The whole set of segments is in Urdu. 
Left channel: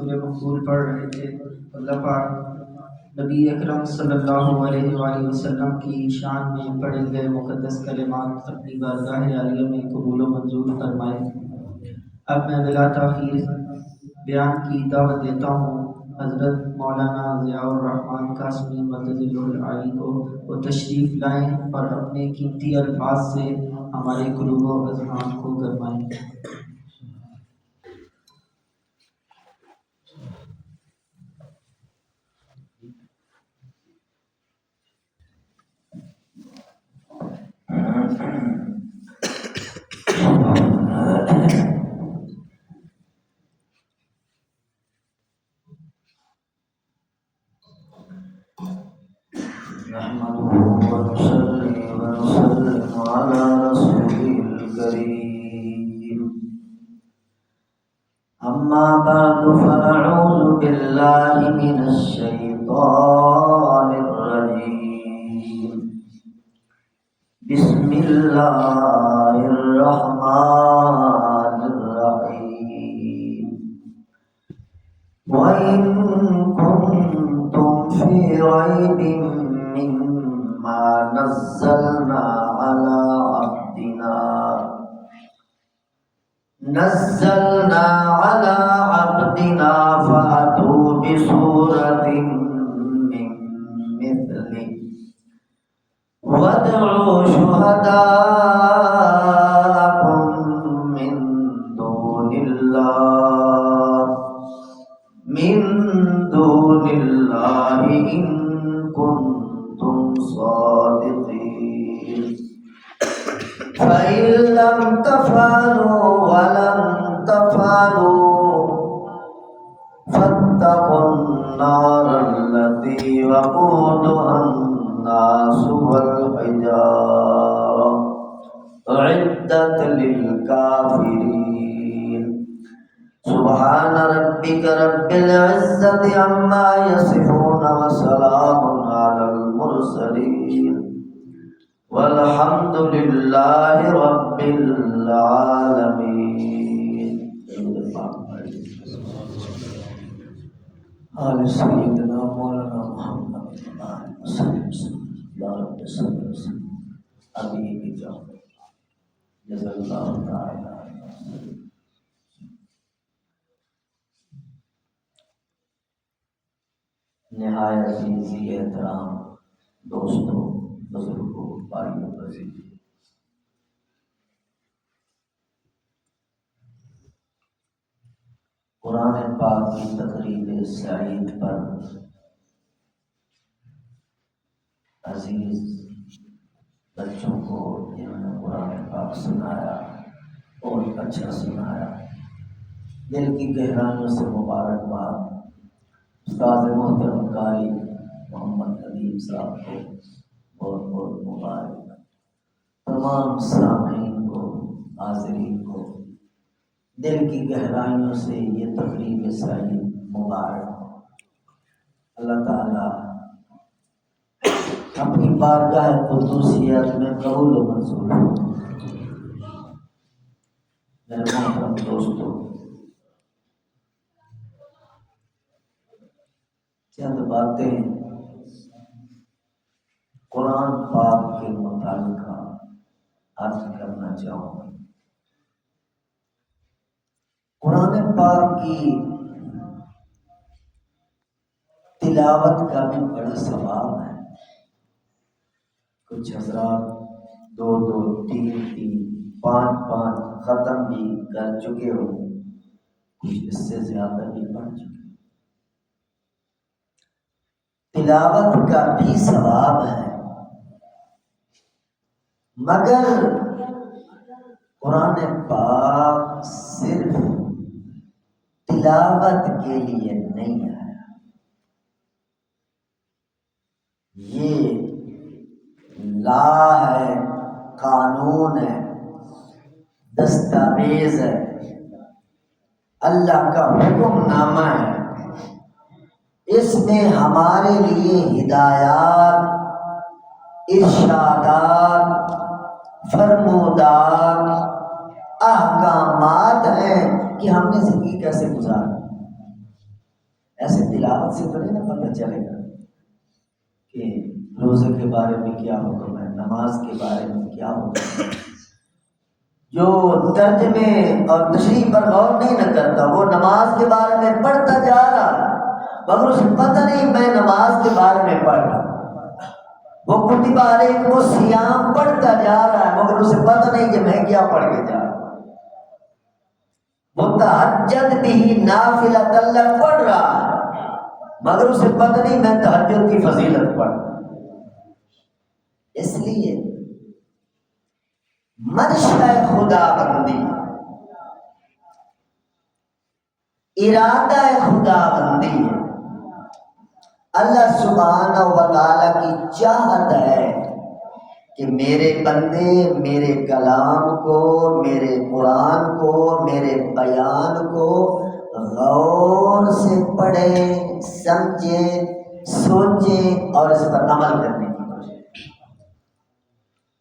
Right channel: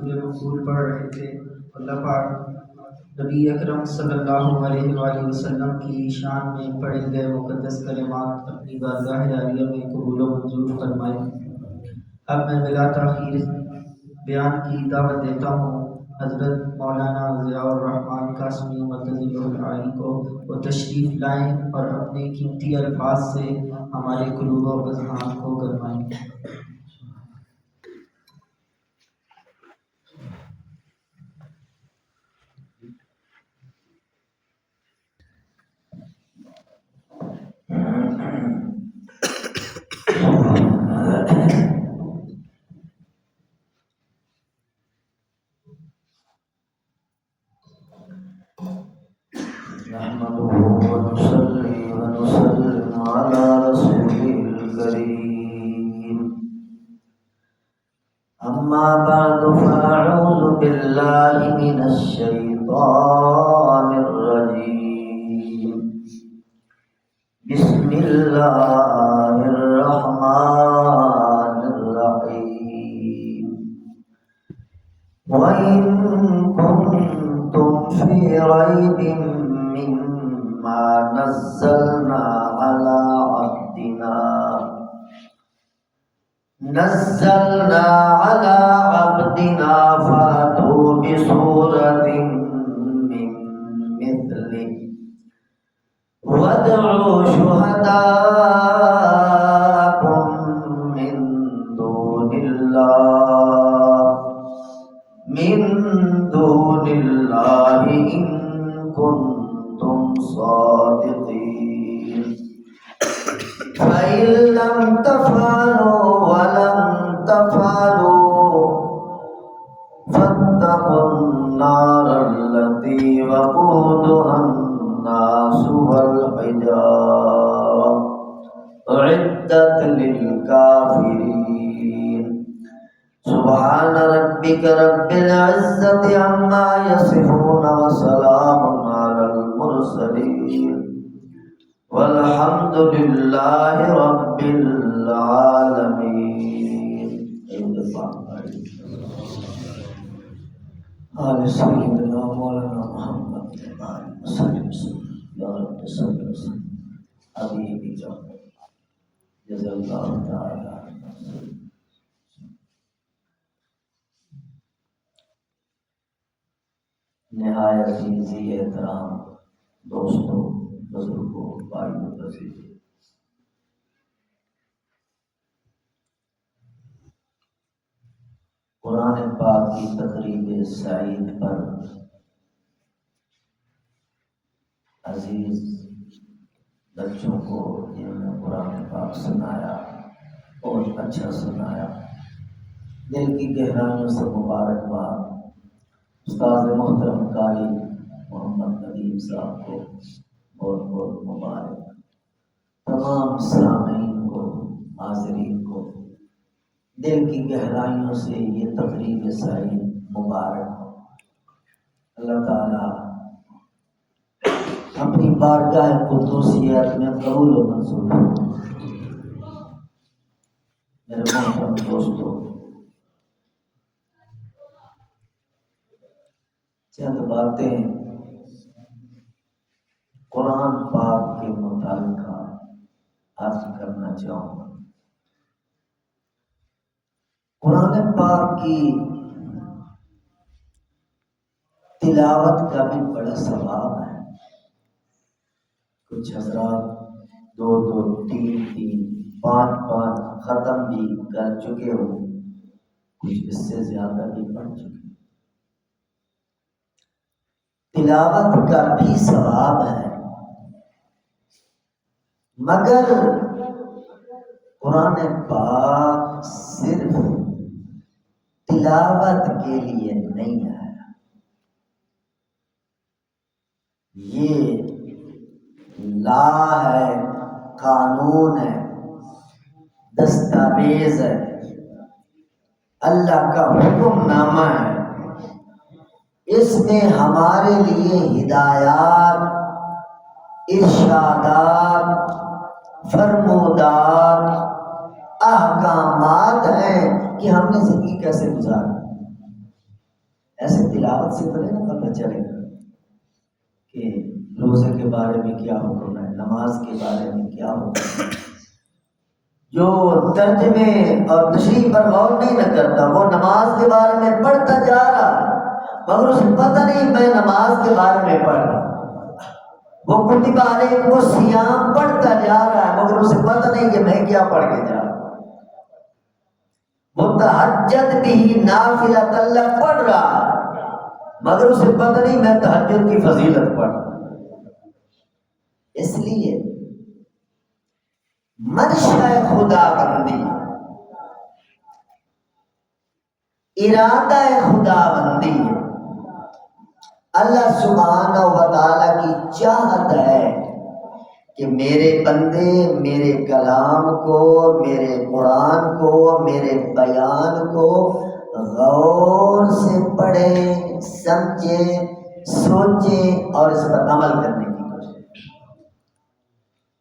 سورہ مقبول پڑھ رہے تھے، اللہ پاک نبی اکرم صلی اللہ علیہ وآلہ وسلم کی شان میں پڑھے گئے مقدس کلمات اپنی بارگاہ عالیہ میں قبول و منظور فرمائے۔ اب میں بلا تاخیر بیان کی دعوت دیتا ہوں حضرت مولانا ضیاء الرحمن قاسمی مدظ العالی کو، وہ تشریف لائیں اور اپنے قیمتی الفاظ سے ہمارے قلوب و اذہان کو گرمائیں۔ نحمده ونصلي ونسلم على رسوله الكريم أما بعد فنعوذ بالله من الشيطان الرجيم بسم الله الرحمن الرحيم وإن كنتم في ريب مما نزلنا على عبدنا فأتوا بسورة من مثله وادعوا شهداءكم من دون الله إن كنتم صادقين فإن لم تفعلوا ولن تفعلوا فاتقوا النار التي وقودها الناس والحجارة أعدت للكافرين سبحان ربك رب العزة عما يصفون وسلام على المرسلين والحمد لله رب العالمين آل سيدنا مولانا محمد وسلم يا رب صل وسلم حبيبك جزا الله تعالى نہایت عزیز احترام دوستوں، بزرگوں، بھائیوں، عزیزوں، قرآن پاک کی تقریب سعید پر عزیز بچوں کو جنہوں نے قرآن پاک سنایا اور اچھا سنایا، دل کی گہرائیوں سے مبارکباد۔ استاد محترم قاری محمد ندیم صاحب کو بہت بہت مبارک، تمام سامعین کو، حاضرین کو دل کی گہرائیوں سے یہ تقریب سعید مبارک ہو۔ اللہ تعالیٰ اپنی بارگاہ قدوسیت میں قبول و منظور ہو۔ میرے محترم دوستوں، چند باتیں قرآن پاک کے متعلق عرض کرنا چاہوں گا۔ قرآن پاک کی تلاوت کا بھی بڑا ثواب ہے۔ کچھ حضرات 2 2 3 3 5 5 ختم بھی کر چکے ہو، کچھ اس سے زیادہ بھی پڑھ چکے۔ تلاوت کا بھی ثواب ہے، مگر قرآن پاک صرف تلاوت کے لیے نہیں آیا، یہ لا ہے، قانون ہے، دستاویز ہے، اللہ کا حکم نامہ ہے۔ اس میں ہمارے لیے ہدایات، ارشادات، فرمودات، احکامات ہیں کہ ہم نے زندگی کیسے گزارنا۔ تلاوت سے تو نہیں نا پتہ چلے گا کہ روزے کے بارے میں کیا حکم ہے، نماز کے بارے میں کیا حکم ہے۔ جو ترجمے اور تشریح پر غور نہیں نہ کرتا وہ نماز کے بارے میں پڑھتا جا رہا مگر اسے پتہ نہیں میں نماز کے بارے میں پڑھ رہا۔ وہ کتب علیکم الصیام پڑھتا جا رہا ہے مگر اسے پتہ نہیں کہ میں کیا پڑھ کے جا رہا ہوں۔ متہجد بھی نافلۃ اللہ پڑھ رہا ہے مگر اسے پتہ نہیں میں تہجد کی فضیلت پڑھ رہا ہوں۔ اس لیے منشا خدا بندی، ارادہ خدا بندی ہے، اللہ سبحانہ و تعالیٰ کی چاہت ہے کہ میرے بندے میرے کلام کو، میرے قرآن کو، میرے بیان کو غور سے پڑھیں، سمجھیں، سوچیں اور اس پر عمل کرنے کی کوشش۔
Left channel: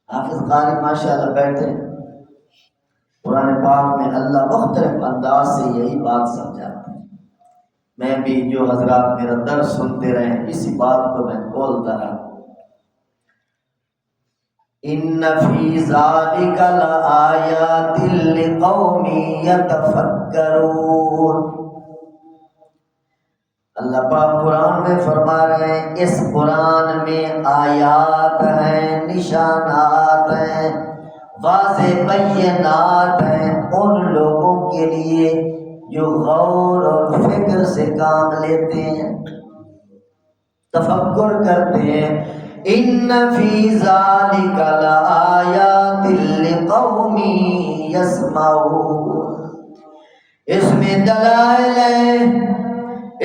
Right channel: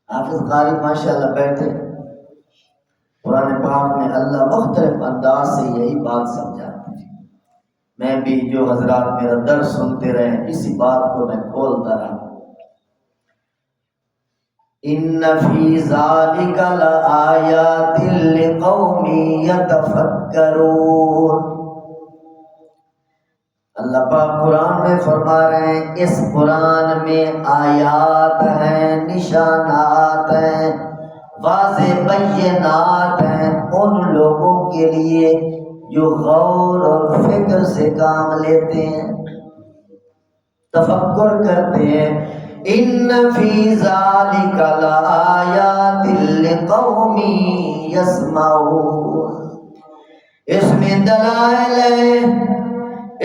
حافظ قاری ماشاءاللہ بیٹھے، قرآن پاک میں اللہ مختلف انداز سے یہی بات سمجھاتے ہیں۔ میں بھی جو حضرات میرا درس سنتے رہے اسی بات کو میں کھولتا رہا۔ ان فی ذالک لآیات لقوم یتفکرون۔ اللہ پاک قرآن میں فرما رہے ہیں اس قرآن میں آیات ہیں، نشانات ہیں، واضح بینات ہیں ان لوگوں کے لیے جو غور اور فکر سے کام لیتے ہیں، تفکر کرتے ہیں۔ ان فی ذالک لآیات لقوم یسمعون۔ اس میں دلائل ہیں،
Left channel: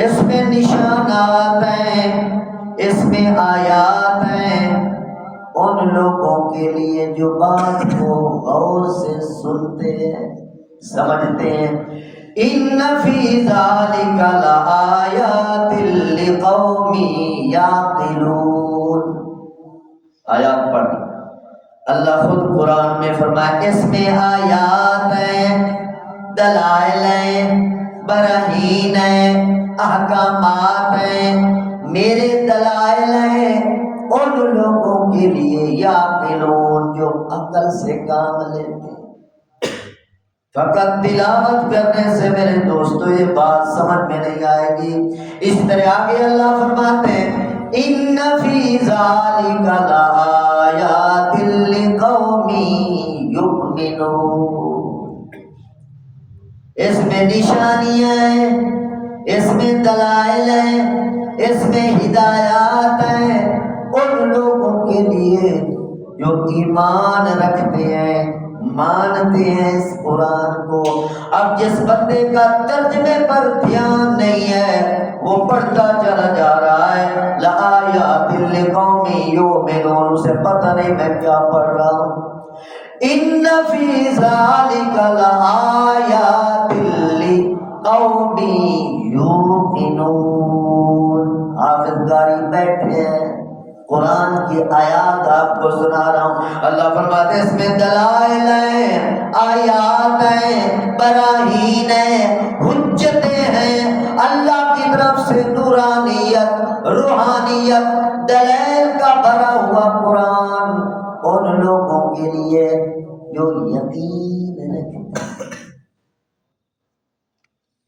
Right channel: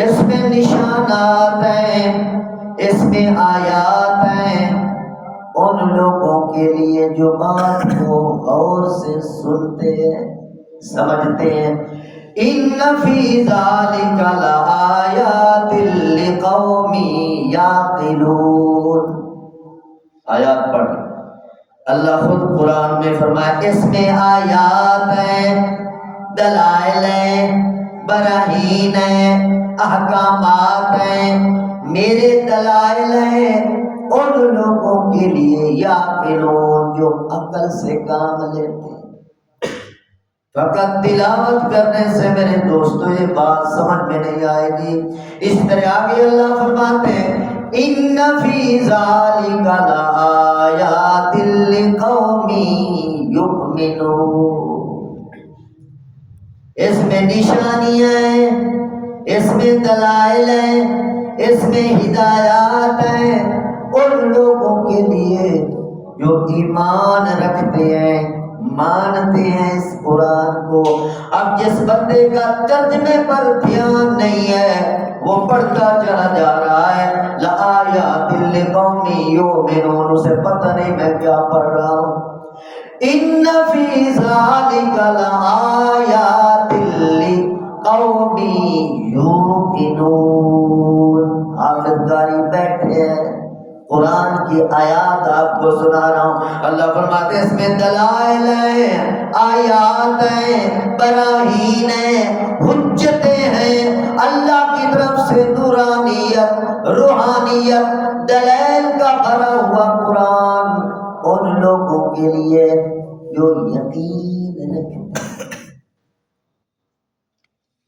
اس میں نشانات ہیں، اس میں آیات ہیں ان لوگوں کے لیے جو بات کو غور سے سنتے ہیں، سمجھتے ہیں۔ ان فی ذالک لآیات لقوم یعقلون۔ آیات پڑھ، اللہ خود قرآن میں فرمائے اس میں آیات ہیں، دلائل ہیں، براہین ہیں، احکامات ہیں، میرے دلائل ہیں ان لوگوں کے لیے یعقلون جو عقل سے کام لیتے ہیں۔ فقط تلاوت کرنے سے میرے دوستو یہ بات سمجھ میں نہیں آئے گی۔ اس طرح آگے اللہ فرماتے ہیں ان فی ذالک لآیات لقوم یؤمنون۔ اس میں نشانیاں ہیں، اس میں دلائل ہیں، اس میں ہدایات ہیں ان لوگوں کے لیے جو ایمان رکھتے ہیں، مانتے ہیں اس قرآن کو۔ اب جس بندے کا ترجمے پر دھیان نہیں ہے وہ پڑھتا چلا جا رہا ہے لآیات لقوم یؤمنون، اسے پتہ نہیں میں کیا پڑھ رہا ہوں۔ ان فی ذالک لآیات لقوم یوقنون۔ حافظ قاری بیٹھے ہیں، قرآن کی آیات آپ کو سنا رہا ہوں۔ اللہ فرماتے ہیں اس میں دلائل ہیں، آیات ہیں، براہین ہیں، حجتیں ہیں، اللہ کی طرف سے نورانیت، روحانیت، دلائل کا بھرا ہوا قرآن ان لوگوں کے لیے جو یقین رکھتے ہیں،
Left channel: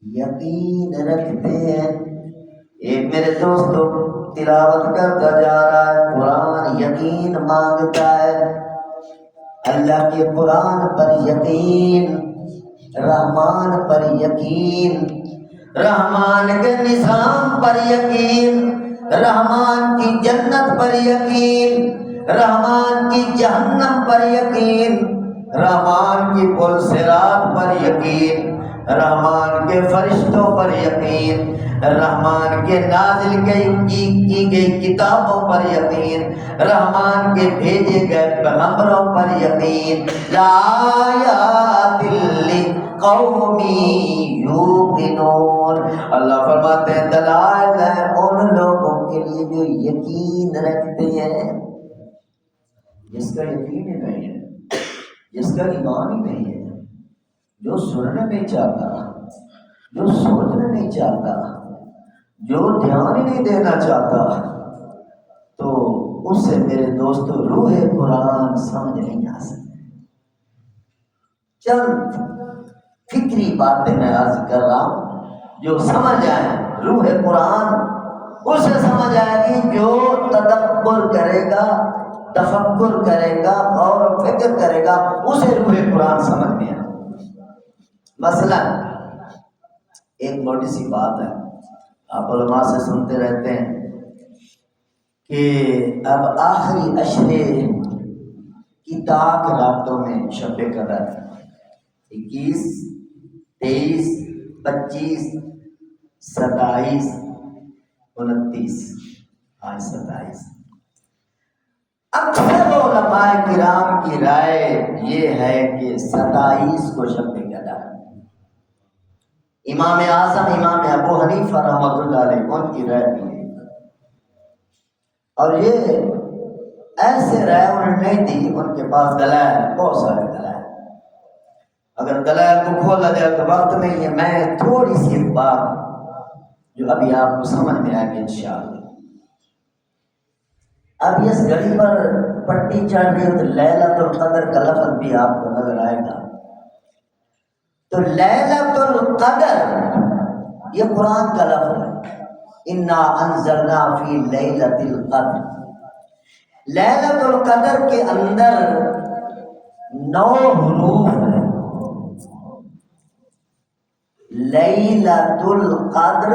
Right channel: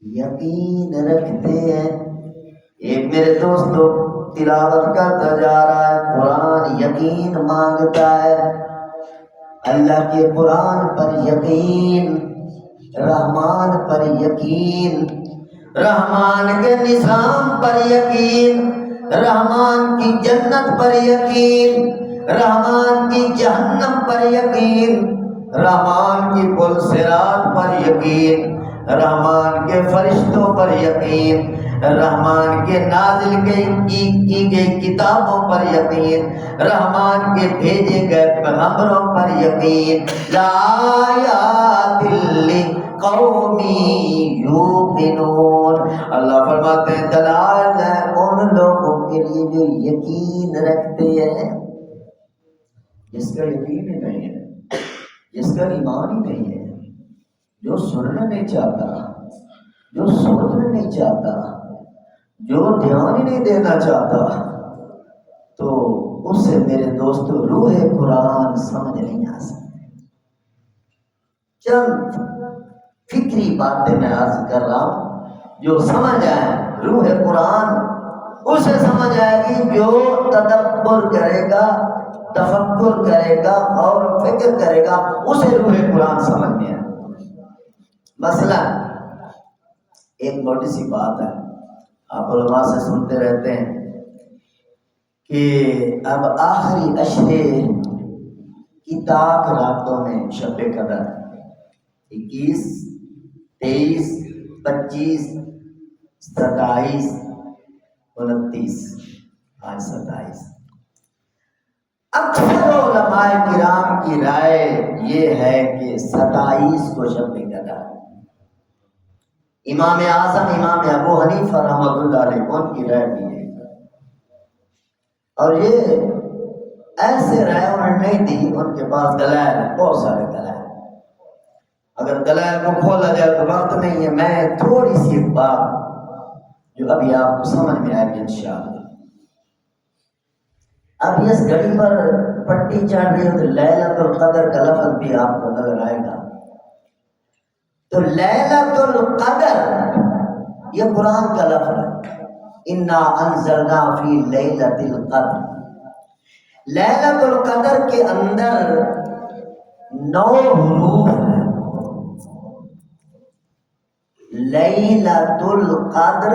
یقین رکھتے ہیں۔ ایک میرے دوستو تلاوت کرتا جا رہا ہے، قرآن یقین مانگتا ہے، اللہ کے قرآن پر یقین، رحمان پر یقین، رحمان کے نظام پر یقین، رحمان کی جنت پر یقین، رحمان کی جہنم پر یقین، رحمان کی پل صراط پر یقین، رحمان کے فرشتوں پر یقین، رحمان کے نازل کی گئی کتابوں پر یقین، رحمان کے بھیجے گئے پیغمبروں پر یقین۔ لآیات لقوم یوقنون۔ اللہ فرماتے ہیں دلائل ہے ان لوگوں کے لیے جو یقین رکھتے ہیں۔ جس کا یقین ہی نہیں ہے، جس کا ایمان ہی نہیں ہے، جو سننا نہیں چاہتا، جو سوچنا نہیں چاہتا، جو دھیان ہی نہیں دینا چاہتا تو اسے میرے دوستو روح قرآن سمجھ نہیں آ سکتی۔ چند فکری باتیں میں عرض کر رہا ہوں جو سمجھ آئے۔ روح قرآن اسے سمجھ آئے گی جو تدبر کرے گا، تفکر کرے گا اور فکر کرے گا، اسے روح قرآن سمجھ میں آئے۔ مثلا ایک موٹی سی بات ہے، آپ علماء سے سنتے رہتے ہیں کہ اب آخری عشرے کی تاک راتوں میں شب قدر 21، 23، 25، 27، 29، آج 27۔ اکثر علماء کرام کی رائے یہ ہے کہ 27 کو شب قدر۔ امام اعظم امام ابو حنیفہ رحمۃ اللہ علیہ ان کی رائے بھی ہے، اور یہ ایسے رائے انہوں نے نہیں دی، ان کے پاس دلائل، بہت سارے دلائل۔ اگر دلائل کو کھولا جائے تو وقت نہیں ہے، میں تھوڑی سی بات جو ابھی آپ کو سمجھ میں آئے گی انشاءاللہ۔ اب اس گھڑی پر پٹی چڑھ رہی ہے تو لیلۃ القدر کا لفظ بھی آپ کو نظر آئے گا۔ تو لیلۃ القدر یہ قرآن کا لفظ ہے، انا انزلنا فی لیلۃ القدر۔ لیلۃ القدر کے اندر 9 حروف ہیں۔ لیلۃ القدر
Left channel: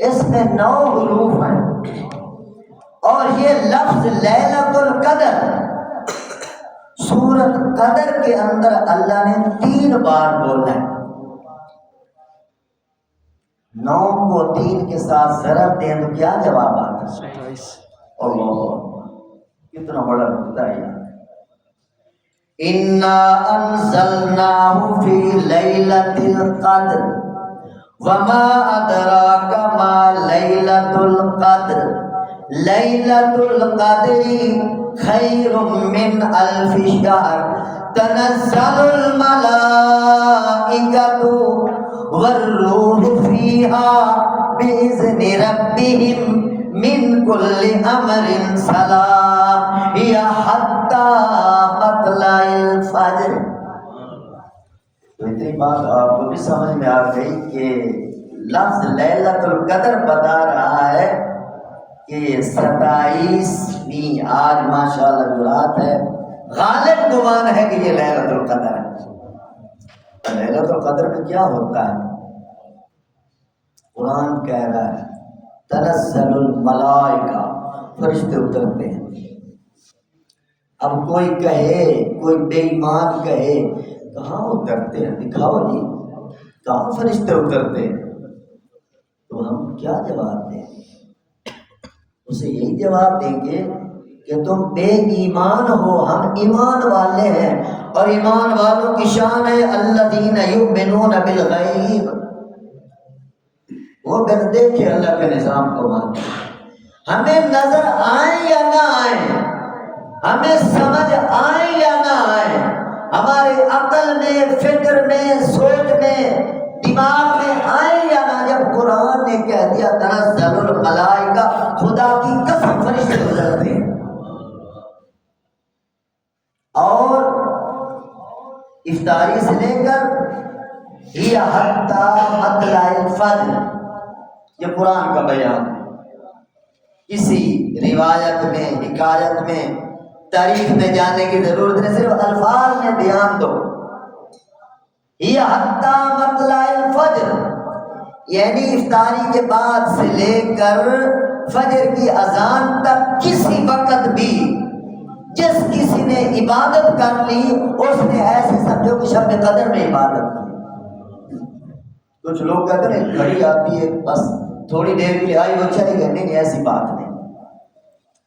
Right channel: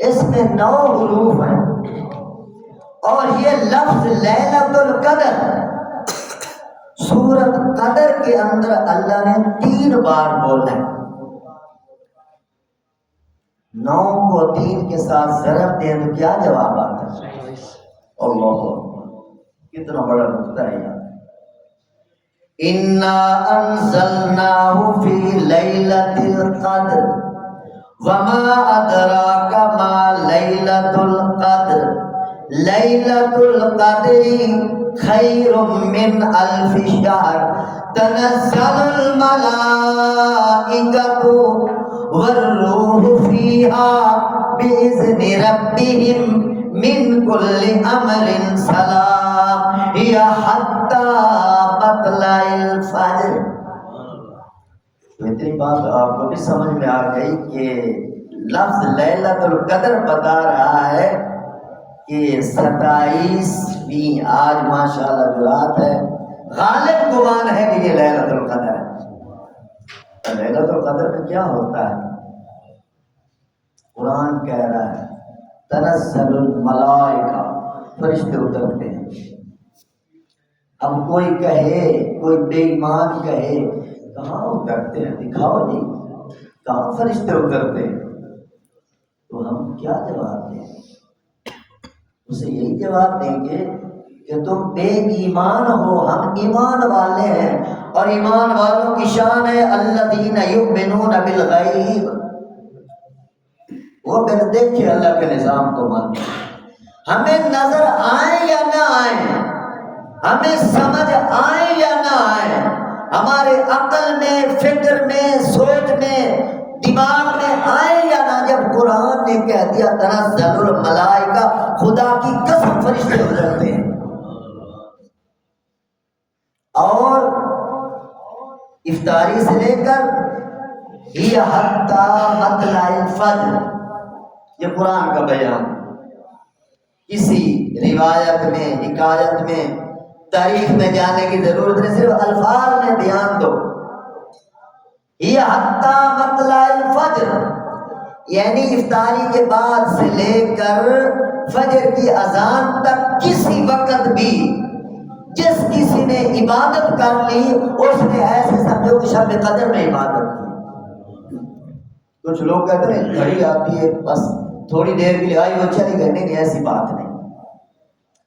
اس میں 9 حروف ہیں، اور یہ لفظ لیلۃ القدر سورۃ قدر کے اندر اللہ نے 3 بار بولا ہے۔ 9 کو 3 کے ساتھ ضرب دیں تو کیا جواب آتا ہے؟ اللہ، کتنا بڑا نقطہ ہے یار۔ انا انزلناہ فی لیلۃ القدر وما ادراک ما لیلۃ القدر لیلۃ القدر خیر من الف شہر تنزل الملائکۃ والروح فیہا بإذن ربہم من کل امر سلام ہی حتی مطلع الفجر۔ تو اتنی بات آپ کو بھی سمجھ میں آ گئی کہ لفظ لیلۃ القدر بتا رہا ہے کہ 27ویں آج ماشاءاللہ جو رات ہے، غالب گمان ہے کہ یہ لیلۃ القدر ہے۔ لیلۃ القدر میں کیا ہوتا ہے؟ قرآن کہہ رہا ہے تنزل الملائکہ، فرشتے اترتے ہیں۔ اب کوئی کہے، کوئی بے ایمان کہے کہاں اترتے ہیں، دکھاؤ جی کہاں فرشتے اترتے ہیں، تو ہم کیا جواب دیں؟ اسے یہی جواب دیں گے کہ تم بے ایمان ہو، ہم ایمان والے ہیں، اور ایمان والوں کی شان ہے الذین یؤمنون بالغیب، وہ بن دیکھے اللہ کے نظام کو مانتے ہیں۔ ہمیں نظر آئے یا نہ آئے، ہمیں سمجھ آئے یا نہ آئے، ہمارے عقل میں، فکر میں، سوچ میں، دماغ میں آئے یا نہ، جب قرآن نے کہہ دیا تنزل الملائکہ، خدا کی قسم فرشتے اترتے ہیں۔ اور افطاری سے لے کر یہ حتی مطلع الفجر، یہ قرآن کا بیان۔ کسی روایت میں، حکایت میں، تاریخ میں جانے کی ضرورت نہیں، صرف الفاظ میں بیان دو۔ یہ حتی مطلع الفجر یعنی افطاری کے بعد سے لے کر فجر کی اذان تک کسی وقت بھی جس کسی نے عبادت کر لی، اس نے ایسے سمجھو کہ شب قدر میں عبادت کی۔ کچھ لوگ کہتے ہیں گھڑی آتی ہے بس تھوڑی دیر کے لیے آئی وہ چلی گئی، نہیں، ایسی بات نہیں۔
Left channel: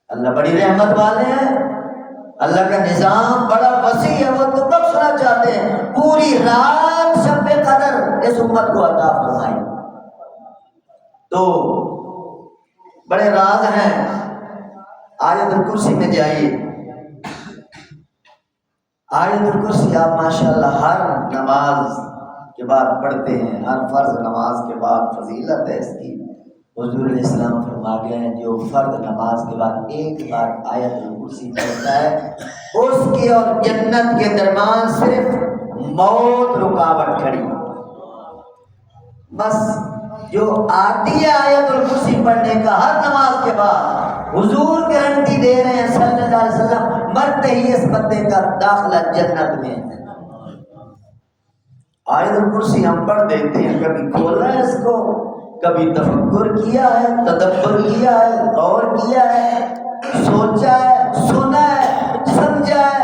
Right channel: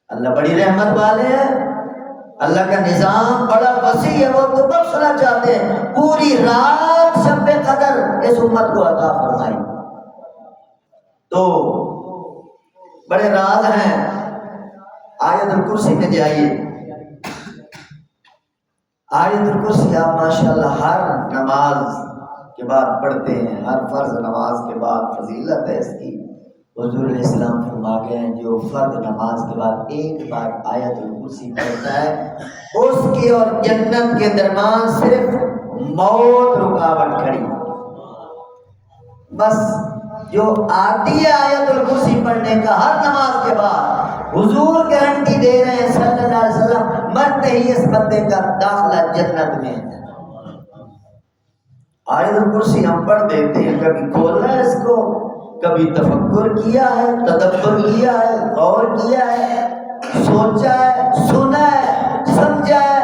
اللہ بڑی رحمت والے ہیں، اللہ کا نظام بڑا وسیع ہے، وہ تو بخشنا چاہتے ہیں، پوری رات شب قدر اس امت کو عطا فرمائی۔ تو بڑے راز ہیں، آیت الکرسی میں جائیے، آیت الکرسی آپ ماشاءاللہ ہر نماز کے بعد پڑھتے ہیں، ہر فرض نماز کے بعد فضیلت ہے اس کی، حضور علیہ السلام فرما گئے ہیں جو فرض نماز کے بعد ایک بار آیت الکرسی پڑھتا ہے اس کی اور جنت کے درمیان صرف موت رکاوٹ کھڑی، بس جو آتی ہے آیت الکرسی پڑھنے کا ہر نماز کے بعد، حضور گارنٹی دے رہے ہیں صلی اللہ علیہ وسلم، مرتے ہی اس بندے کا داخلہ جنت میں ہے۔ آیت الکرسی ہم پڑھ دیتے ہیں، کبھی کھولا ہے اس کو، کبھی تفکر کیا ہے، تدبر کیا ہے، غور کیا ہے، سوچا ہے، سنا ہے، سمجھا ہے،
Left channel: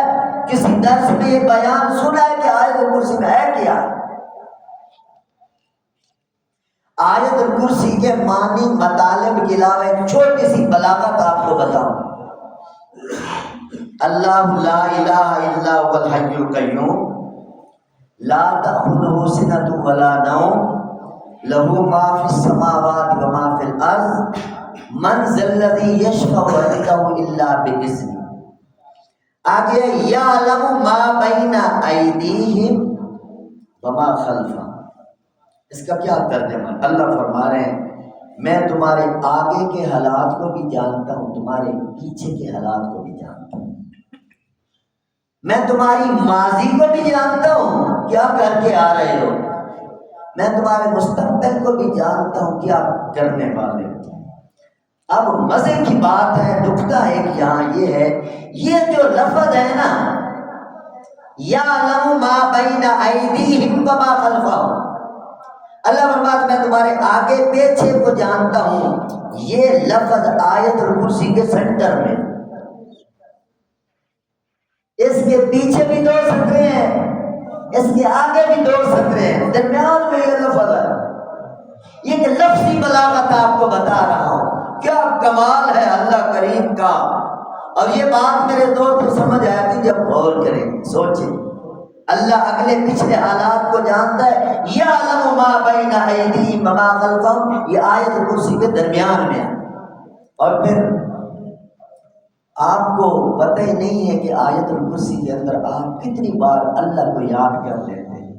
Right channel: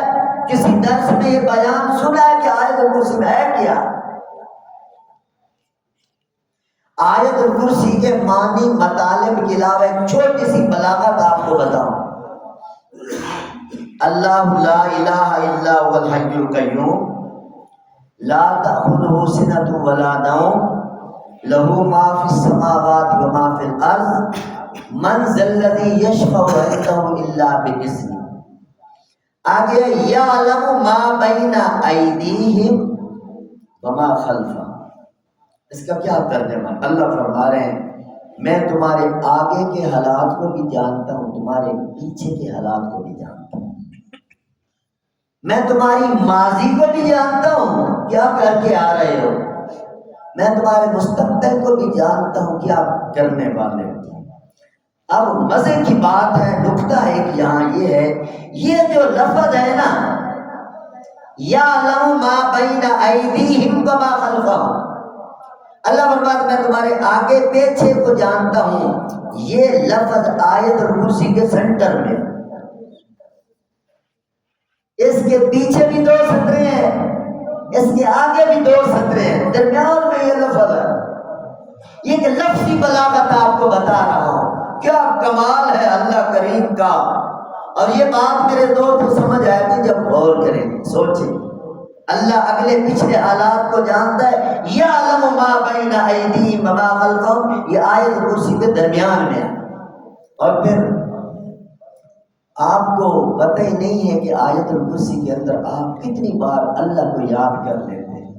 کسی درس میں یہ بیان سنا ہے کہ آیت الکرسی میں ہے کیا؟ آیت الکرسی کے معنی مطالب کے علاوہ ایک چھوٹی سی بلاغت آپ کو بتاؤں۔ اللہ لا الہ الا هو الحی القیوم لا تأخذہ سنۃ ولا نوم لہ ما فی السماوات و ما فی الارض من ذا الذی یشفع عنده الا بإذنہ۔ آگے یعلم ما بین ایدیہم وما خلفہم۔ اس کا کیا ترجمہ ہے؟ اللہ فرما رہے ہیں میں تمہارے آگے کے حالات کو بھی جانتا ہوں، تمہارے پیچھے کے حالات کو بھی جانتا ہوں، میں تمہاری ماضی کو بھی جانتا ہوں کیا کر کے آ رہے ہو، میں تمہارے مستقبل کو بھی جانتا ہوں کیا کرنے والے ہو۔ اب مزے کی بات ہے، نکتہ ہے کہ یہاں یہ ہے، یہ جو لفظ ہے نا یعلم ما بین ایدیہم وما خلفہم، اللہ فرماتا میں تمہارے آگے پیچھے کو جانتا ہوں، یہ لفظ آیت الکرسی کے سینٹر میں، اس کے پیچھے بھی 2 سطریں ہیں، اس کے آگے بھی 2 سطریں ہیں، درمیان میں یہ لفظ ہے۔ یہ کہ لفظی بلاغت آپ کو بتا رہا ہوں، کیا کمال ہے اللہ کریم کا۔ اور یہ بات میرے دوست کو سمجھ آئے گی جب غور کریں، سوچیں، اللہ اگلے پچھلے حالات کو جانتا ہے۔ یعلم ما بین ایدیہم وما خلفہم، یہ آیت کرسی کے درمیان میں ہے۔ اور پھر آپ کو پتہ ہی نہیں ہے کہ آیت الکرسی کے اندر آپ کتنی بار اللہ کو یاد کر لیتے ہیں۔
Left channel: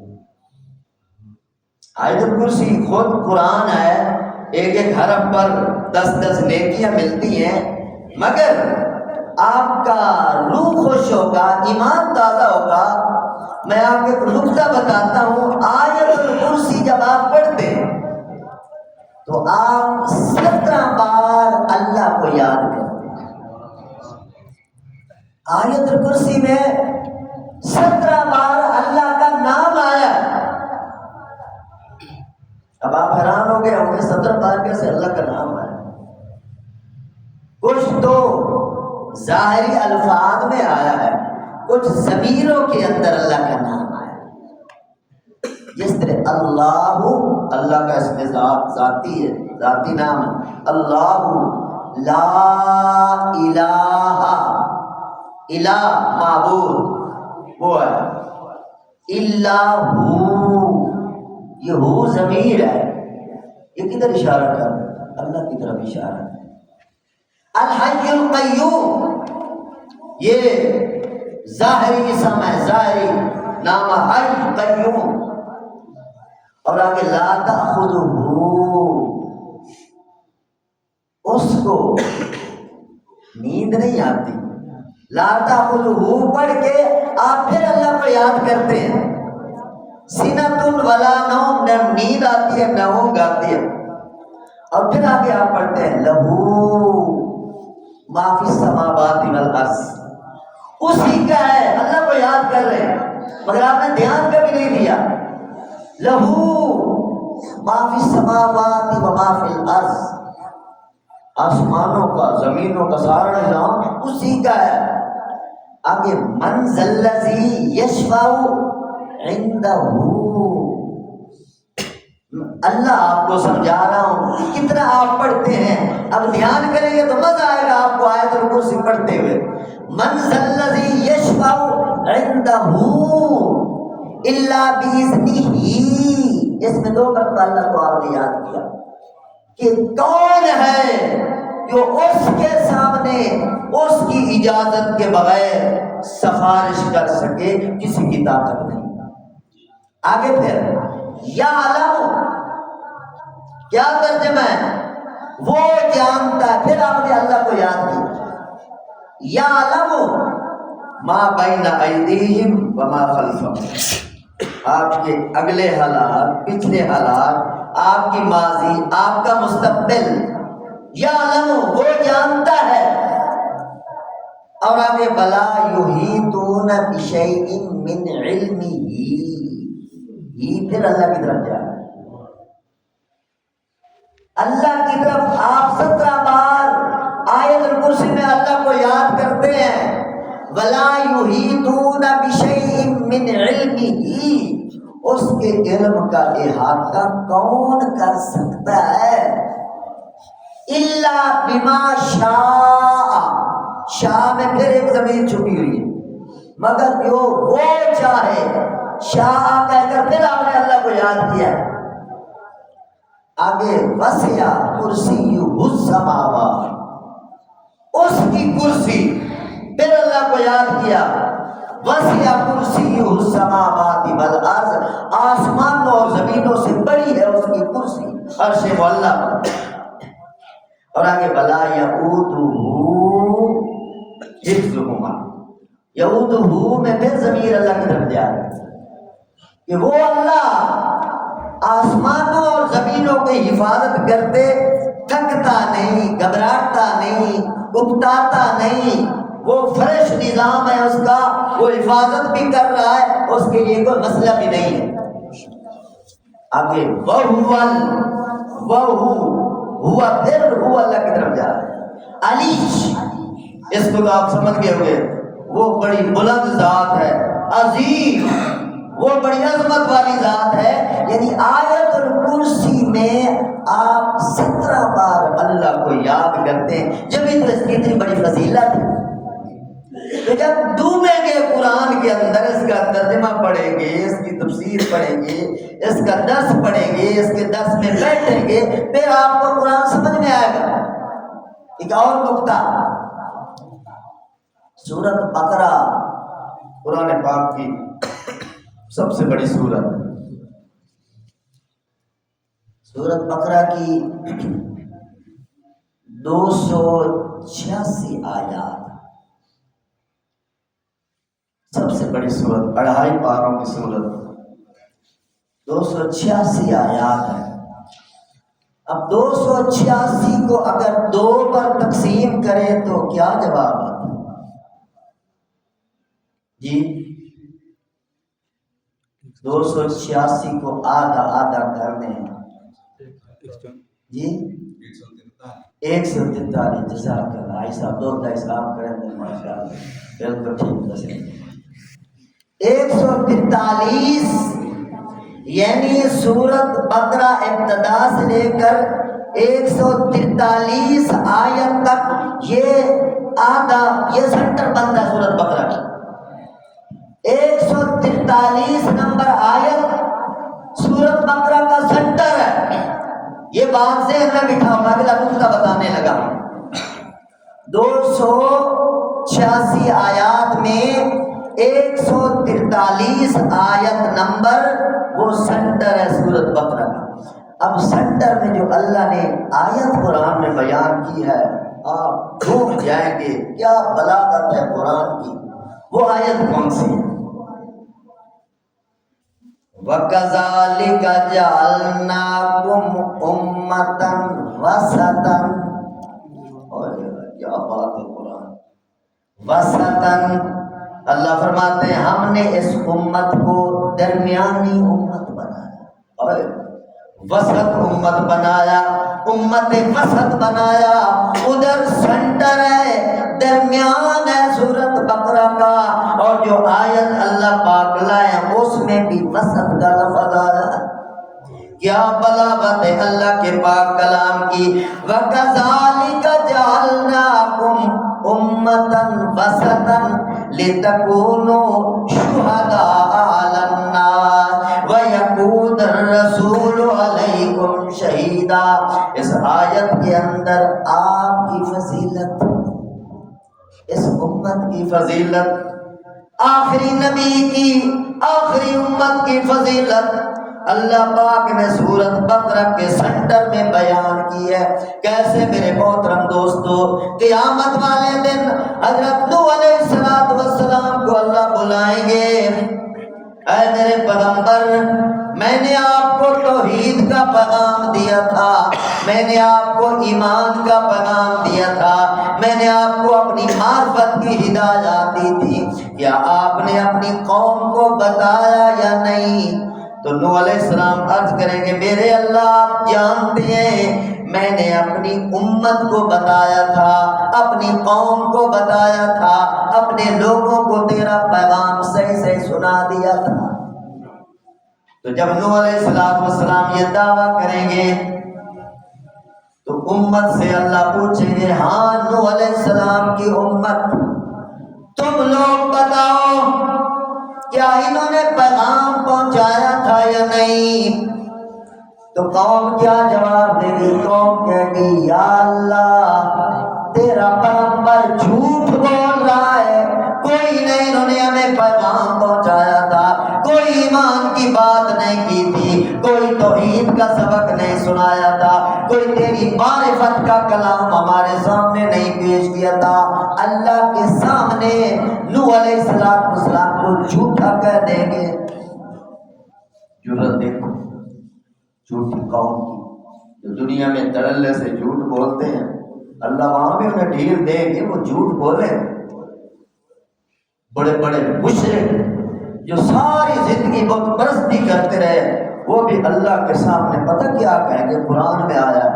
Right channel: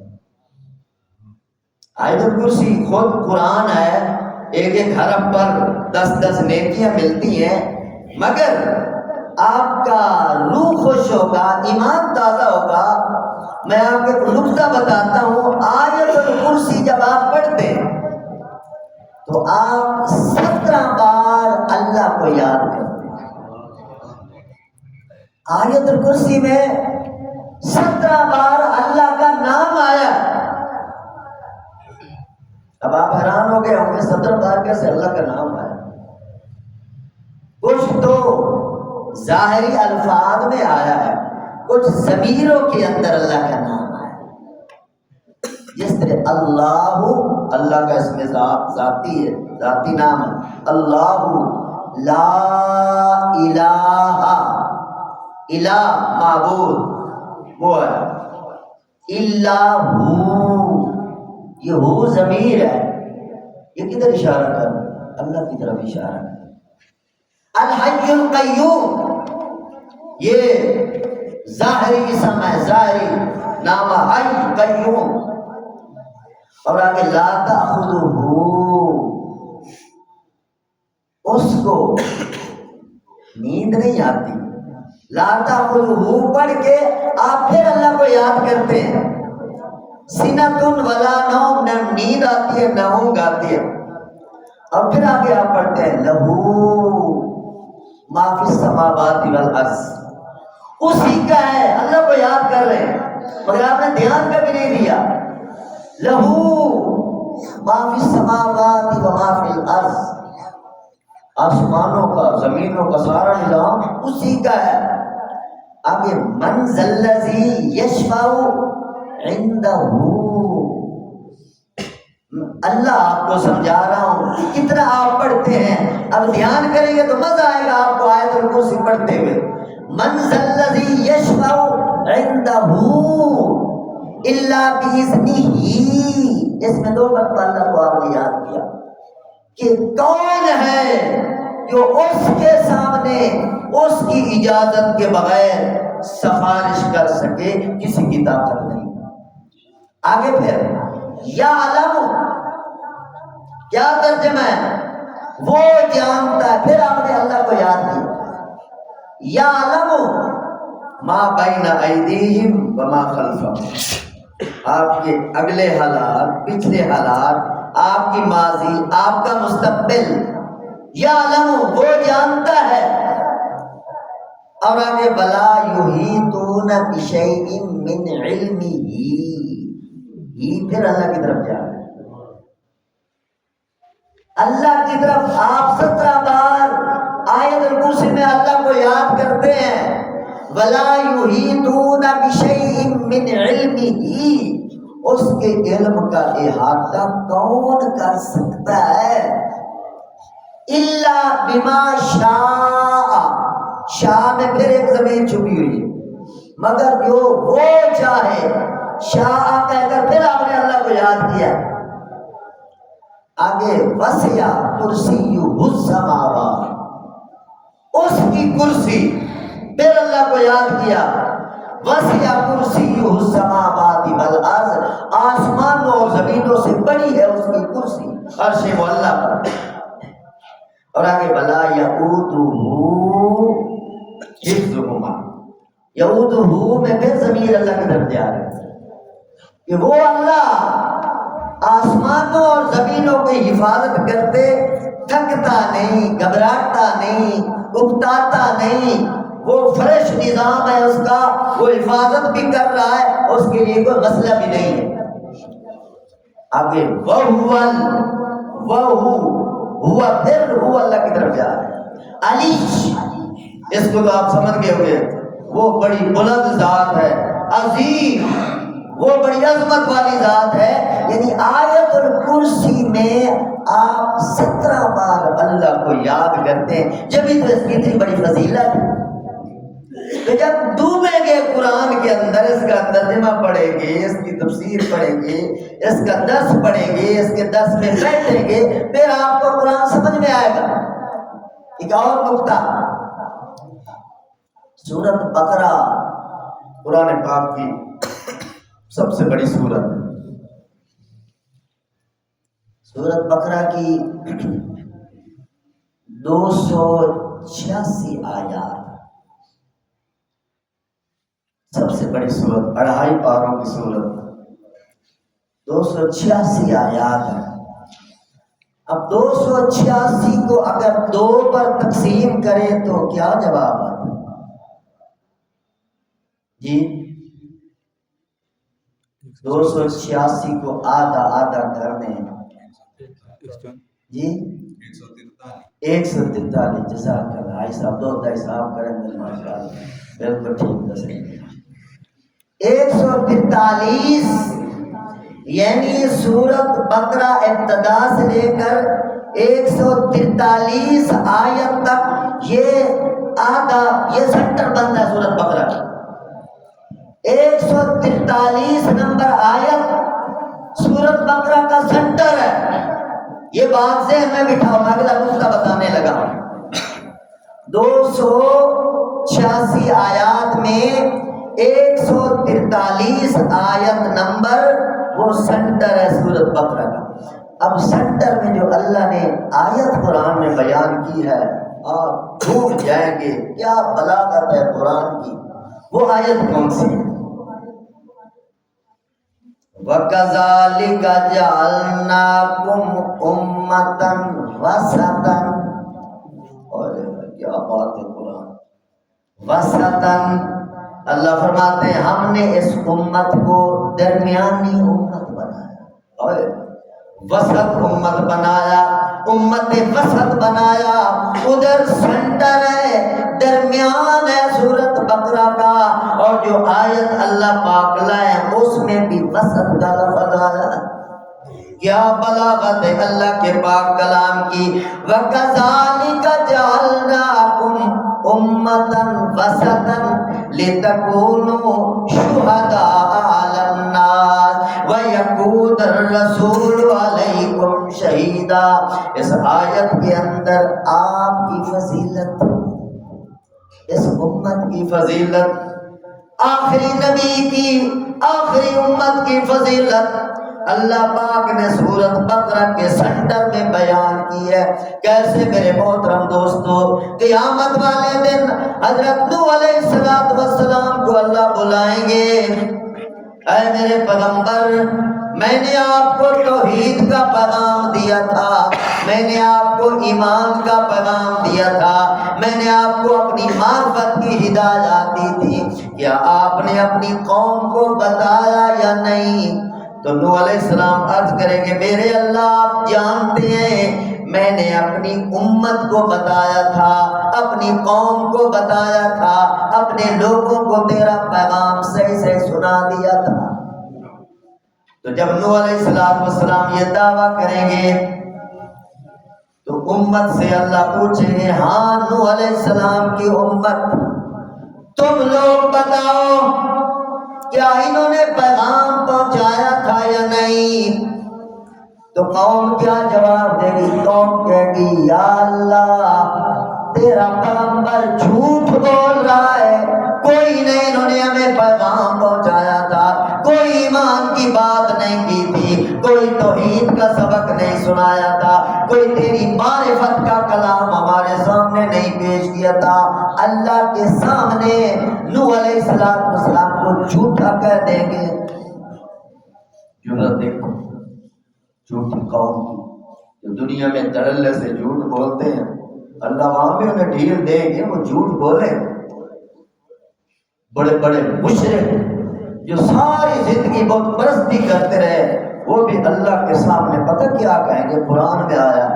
آیت الکرسی خود قرآن ہے، ایک ایک حرف پر 10 نیکیاں ملتی ہیں، مگر آپ کا روح خوش ہوگا، ایمان تازہ ہوگا۔ میں آپ کو ایک نکتہ بتاتا ہوں، آیت الکرسی جب آپ پڑھتے ہیں تو آپ 17 بار اللہ کو یاد کرتے ہیں۔ آیت الکرسی میں 17 بار اللہ کا نام آیا۔ اب آپ حیران ہو گئے ہوں گے 17 بار کیسے اللہ کا نام آیا؟ کچھ تو ظاہری الفاظ میں آیا ہے، کچھ ضمیروں کے اندر اللہ کا نام آیا، جس طرح اللہ کا اسم ذاتی ہے، ذاتی نام ہے، اللہ لا الہ، الہ معبود وہ ہے، الا ہو، یہ ہو ضمیر ہے، یہ کدھر اشارہ کر رہا ہے؟ اللہ کی طرف اشارہ ہے۔ الحی القیوم یہ ظاہری اسم ہے، ظاہری نام حی قیوم۔ اور آگے لا تأخذہ، اس کو نیند نہیں آتی۔ لا تأخذہ پڑھ کے آپ پھر اللہ کو یاد کرتے ہیں، سنۃ ولا نوم، نہ نیند آتی ہے نہ اونگ آتی ہے۔ اور پھر آگے آپ پڑھتے ہیں لہو ما فی السماوات والارض، اسی کا ہے، اللہ کو یاد کر رہے ہیں مگر آپ نے دھیان کبھی نہیں دیا۔ لہو ما فی السماوات وما فی الارض، آسمانوں کا زمینوں کا سارا نظام اسی کا ہے۔ آگے من ذا الذی یشفع عندہ، اللہ آپ کو سمجھا رہا ہوں، کتنا آپ پڑھتے ہیں، اب دھیان کریں گے تو مزہ آئے گا آپ کو آیت الکرسی پڑھتے ہوئے۔ من ذا الذی یشفع عندہ الا باذنہ، اس میں 2 مرتبہ اللہ کو آپ نے یاد کیا کہ کون ہے جو اس کے سامنے اس کی اجازت کے بغیر سفارش کر سکے، کسی کی طاقت نہیں۔ آگے پھر یعلم، کیا ترجمہ ہے؟ وہ جانتا ہے. پھر آپ نے اللہ کو یاد کیا. یعلم ما بین ایدیہم وما خلفہم، آپ کے اگلے حالات، پچھلے حالات، آپ کی ماضی، آپ کا مستقبل. یعلم، وہ جانتا ہے. اور آگے ولا یحیطون بشیء من علمہ، یہ پھر اللہ کی طرف جا رہا ہے. اللہ کی طرف آپ 17 بار آیت الکرسی میں اللہ کو یاد کرتے ہیں. ولا یحیطون بشیء من علمہ، اس کے علم کا احاطہ کون کر سکتا ہے؟ الا بما شاء، شاء میں پھر ایک ضمیر چھپی ہوئی ہے، مگر جو وہ چاہے. شاء کہہ کر پھر آپ نے اللہ کو یاد کیا. آگے وسع کرسیہ السماوات، اس کی کرسی، پھر اللہ کو یاد کیا. وسع کرسیہ السماوات والارض، آسمانوں اور زمینوں سے بڑی ہے اس کی کرسی، عرش معلیٰ. اور آگے ولا یؤودہ حفظہما، یؤودہ میں پھر ضمیر اللہ کی طرف جا رہا ہے کہ وہ اللہ آسمانوں اور زمینوں کی حفاظت کرتے، تھکتا نہیں، گھبراتا نہیں، اکتاتا نہیں. وہ فرش نظام ہے اس کا، وہ حفاظت بھی کر رہا ہے، اس کے لیے کوئی مسئلہ بھی نہیں ہے. آگے ہوا پھر ہوا اللہ کی طرف جا رہا ہے. علی، اس کو تو آپ سمجھ گئے ہوئے، وہ بڑی بلند ذات ہے، عظیم، وہ بڑی عظمت والی ذات ہے. یعنی آیت الکرسی میں آپ 17 بار اللہ کو یاد کرتے ہیں، جبھی تو اس کی اتنی بڑی فضیلت ہے. تو جب ڈوبیں گے قرآن کے اندر، اس کا ترجمہ پڑھیں گے، اس کی تفسیر پڑھیں گے، اس کا درس پڑھیں گے، اس کے درس میں بیٹھیں گے، پھر آپ کو قرآن سمجھ میں آئے گا. ایک اور نقطہ، سورۃ بقرہ قرآن پاک کی سب سے بڑی سورت ہے. سورۃ بقرہ کی 286 آیات، سب سے بڑی سورت، 2.5 پاروں کی سورت، 286 آیات ہے. اب 286 کو اگر 2 پر تقسیم کریں تو کیا جواب آتا جی؟ 286 کو آدھا آدھا کر دیں جی 143. جزاک اللہ. آئی صاحب 2 حساب کریں گے ماشاءاللہ، بالکل ٹھیک دسیں. 143 یعنی سورت بقرہ ابتدا سے لے کر 143 آیت تک، یہ آدھا، یہ سنٹر بنتا ہے سورت بقرہ کی. 143 نمبر آیت سورت بقرہ کا سنٹر ہے. یہ بات ذہن میں بٹھاؤ، میں اگلا نقطہ بتانے لگا. 286 آیات میں 143 آیت نمبر وہ سنٹر ہے سورت بقرہ کا. اب سنٹر میں جو اللہ نے آیت قرآن میں بیان کی ہے، آپ ڈھونڈ جائیں گے کیا بلاغت ہے قرآن کی. وہ آیت کون سی ہے؟ وَكَذَلِكَ جَعَلْنَاكُمْ أُمَّةً وَسَطًا. کیا بات ہے قرآن. وسطاً، اللہ فرماتے ہیں ہم نے اس امت کو درمیانی امت بنایا، وسط امت بنایا، امت وسط بنایا. ادھر سنٹر ہے، درمیان ہے سورت بقرہ کا، اور جو آیت اللہ پاک لائے اس میں بھی وسط کا لفظ آیا. کیا بلاغت ہے اللہ کے پاک کلام کی. وَكَذَلِكَ جَعَلْنَاكُمْ أُمَّةً وَسَطًا لِتَكُونُوا شُهَدَاءَ عَلَى النَّاسِ وَيَكُونَ الرَّسُولُ عَلَيْكُمْ شَهِيدًا. اس آیت کے اندر آپ کی فضیلت، اس امت کی فضیلت، آخری نبی کی، آخری امت کی فضیلت، اللہ پاک نے سورۃ بقرہ کے سنٹر میں بیان کی ہے. کیسے میرے محترم دوستو، قیامت والے دن حضرت نوح علیہ السلام کو اللہ بلائیں گے، اے میرے پیغمبر میں نے آپ کو توحید کا پیغام دیا تھا، میں نے آپ کو ایمان کا پیغام دیا تھا، میں نے آپ کو اپنی معرفت کی ہدایات دی تھی، کیا آپ نے اپنی قوم کو بتایا یا نہیں؟ تو نوح علیہ السلام عرض کریں گے میرے اللہ آپ جانتے ہیں میں نے اپنی امت کو بتایا تھا، اپنی قوم کو بتایا تھا، اپنے لوگوں کو تیرا پیغام صحیح سے سنا دیا تھا. تو جب نوح علیہ السلام یہ دعویٰ کریں گے تو امت سے اللہ پوچھیں گے ہاں نوح علیہ السلام کی امت تم لوگ بتاؤ کیا انہوں نے پیغام پہنچایا تھا یا نہیں؟ تو قوم کیا جواب دے گی؟ قوم کہے گی یا اللہ تیرا پیغمبر جھوٹ بول رہا ہے، کوئی نہیں انہوں نے ہمیں پیغام پہنچایا تھا، کوئی ایمان کی بات نہیں کی تھی، کوئی توحید کا سبق نہیں سنایا تھا، کوئی تیری معرفت کا کلام ہمارے سامنے نہیں پیش کیا تھا. اللہ کے سامنے نوح علیہ السلام کو جھوٹا کہہ دیں گے. جرأت دیکھو جھوٹی قوم کی جو دنیا میں دڑلے سے جھوٹ بولتے ہیں، اللہ وہاں بھی انہیں ڈھیل دیں گے، وہ جھوٹ بولے. بڑے بڑے مشرک جو ساری زندگی بت پرستی کرتے رہے وہ بھی اللہ کے سامنے پتہ کیا کہیں گے؟ قرآن میں آیا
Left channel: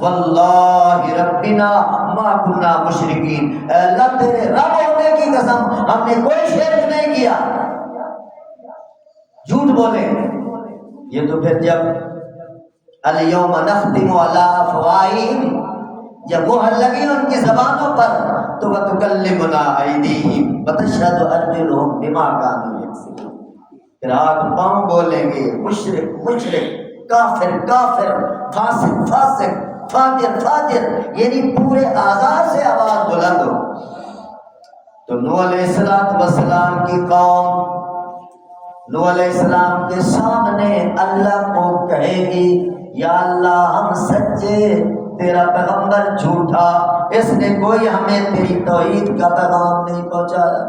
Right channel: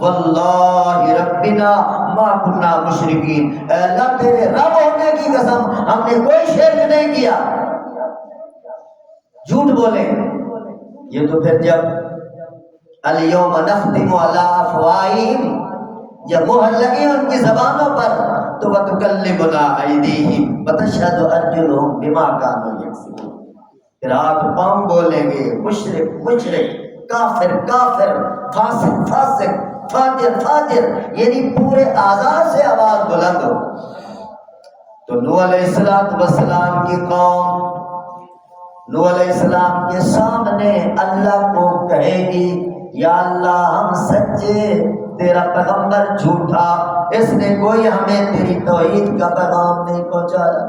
واللہ ربنا ما کننا مشرکین، اے اللہ تیرے رب ہونے کی قسم ہم نے کوئی شرک نہیں کیا. جھوٹ بولیں. یہ تو پھر جب الیوم نختم علی افواہہم جب مہر لگی ان کی زبانوں پر تو وتکلمنا ایدیہم وتشہد ارجلہم بما کانوا یکسبون، پھر ہاتھ پاؤں بولیں گے مشرک مشرک، کافر کافر، فاسق فاسق، فاجر فاجر، یعنی پورے اعضاء سے آواز بلند ہو. تو نوح علیہ السلام کی قوم نوح علیہ السلام کے سامنے اللہ کو کہے گی یا اللہ ہم سچے، تیرا پیغمبر جھوٹا، اس نے کوئی ہمیں تیری توحید کا پیغام نہیں پہنچایا.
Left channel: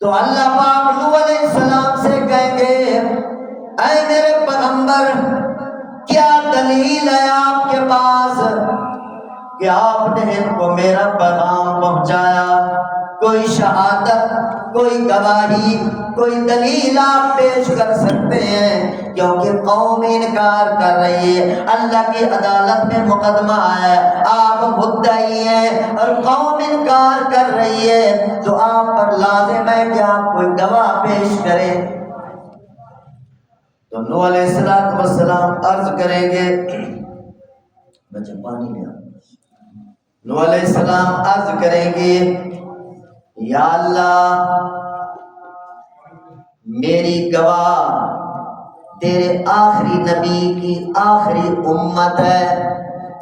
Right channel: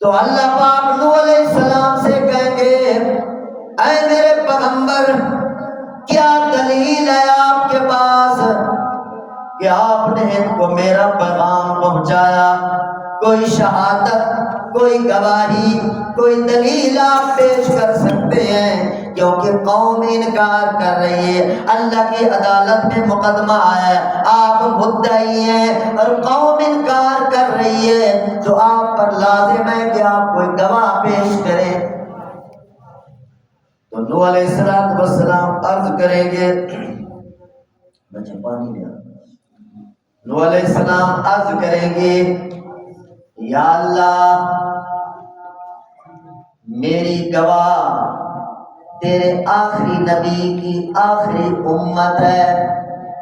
تو اللہ پاک نوح علیہ السلام سے کہیں گے اے میرے پیغمبر کیا دلیل ہے آپ کے پاس کہ آپ نے ان کو میرا پیغام پہنچایا؟ کوئی شہادت، کوئی گواہی، کوئی دلیل آپ پیش کر سکتے ہیں؟ کیونکہ قوم انکار کر رہی ہے، اللہ کی عدالت میں مقدمہ آیا، آپ مدعی ہیں اور قوم انکار کر رہی ہے تو آپ پر لازم ہے کہ آپ کوئی گواہ پیش کریں. تو نوح علیہ السلام عرض کریں گے بچے پانی لیا. نوح علیہ السلام عرض کریں گے یا اللہ میری گواہ تیرے آخری نبی کی آخری امت ہے.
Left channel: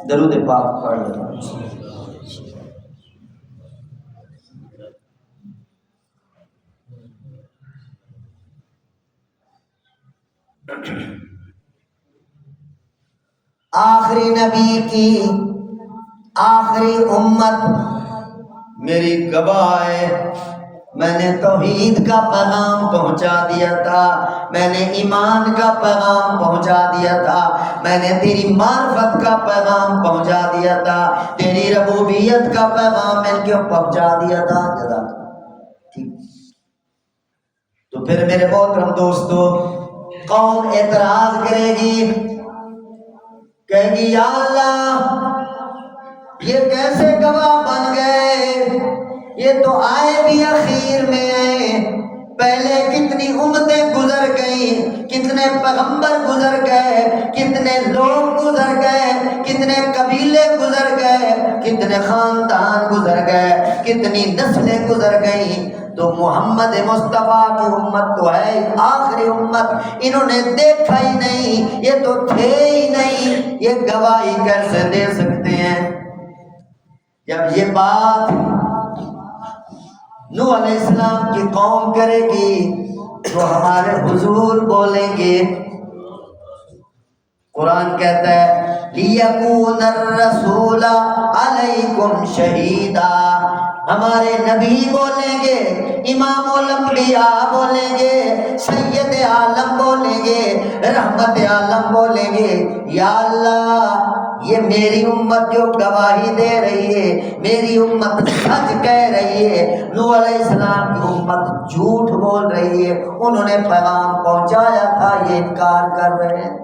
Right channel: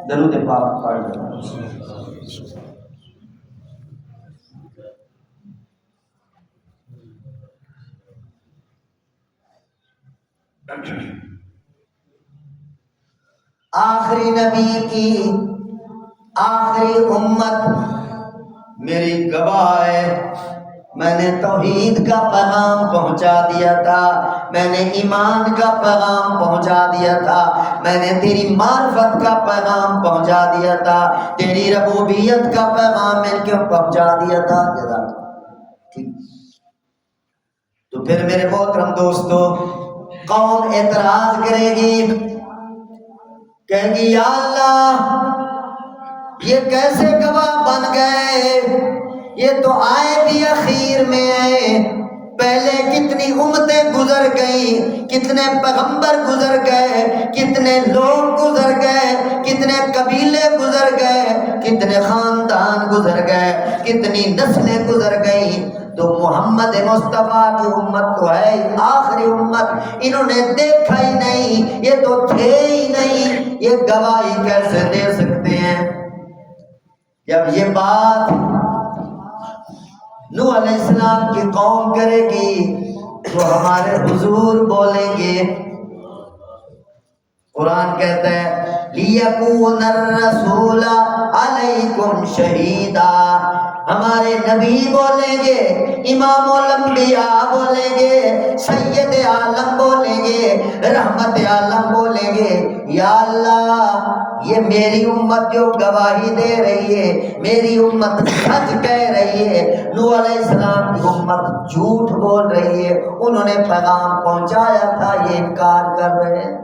درود پاک پڑھ لو. آخری نبی کی آخری امت میری گواہ ہے، میں نے توحید کا پیغام پہنچا دیا تھا، میں نے ایمان کا پیغام پہنچا دیا تھا، میں نے تیری معرفت کا پیغام پہنچا دیا تھا، تیری ربوبیت کا پیغام میں کیوں پہنچا دیا تھا. ٹھیک. تو پھر میرے محترم دوستو قوم اعتراض کرے گی، کہے گی یا اللہ یہ کیسے گواہ بن گئے؟ یہ تو آئے بھی اخیر میں ہیں، پہلے کتنی امتیں گزر گئیں، کتنے پیغمبر گزر گئے، کتنے لوگ گزر گئے، کتنے قبیلے گزر گئے، کتنے خاندان گزر گئے، کتنی نسلیں گزر گئیں. تو محمد مصطفیٰ کی امت تو ہے آخری امت، انہوں نے دیکھا ہی نہیں، یہ تو تھے ہی نہیں، یہ گواہی کیسے دے سکتے ہیں؟ جب یہ بات نوح علیہ السلام کی قوم کرے گی تو ہمارے حضور بولیں گے. قرآن کہتا ہے لِيَكُونَ الرَّسُولَ عَلَيْكُمْ شَهِيدًا. ہمارے نبی بولیں گے, امام الانبیاء بولیں گے, سید عالم بولیں گے, رحمت عالم بولیں گے, یا اللہ یہ میری امت جو گواہی دے رہی ہے, میری امت سچ کہہ رہی ہے, نوح علیہ السلام کی امت جھوٹ بول رہی ہے, انہوں نے پیغام پہنچایا تھا, یہ انکار کر رہے ہیں.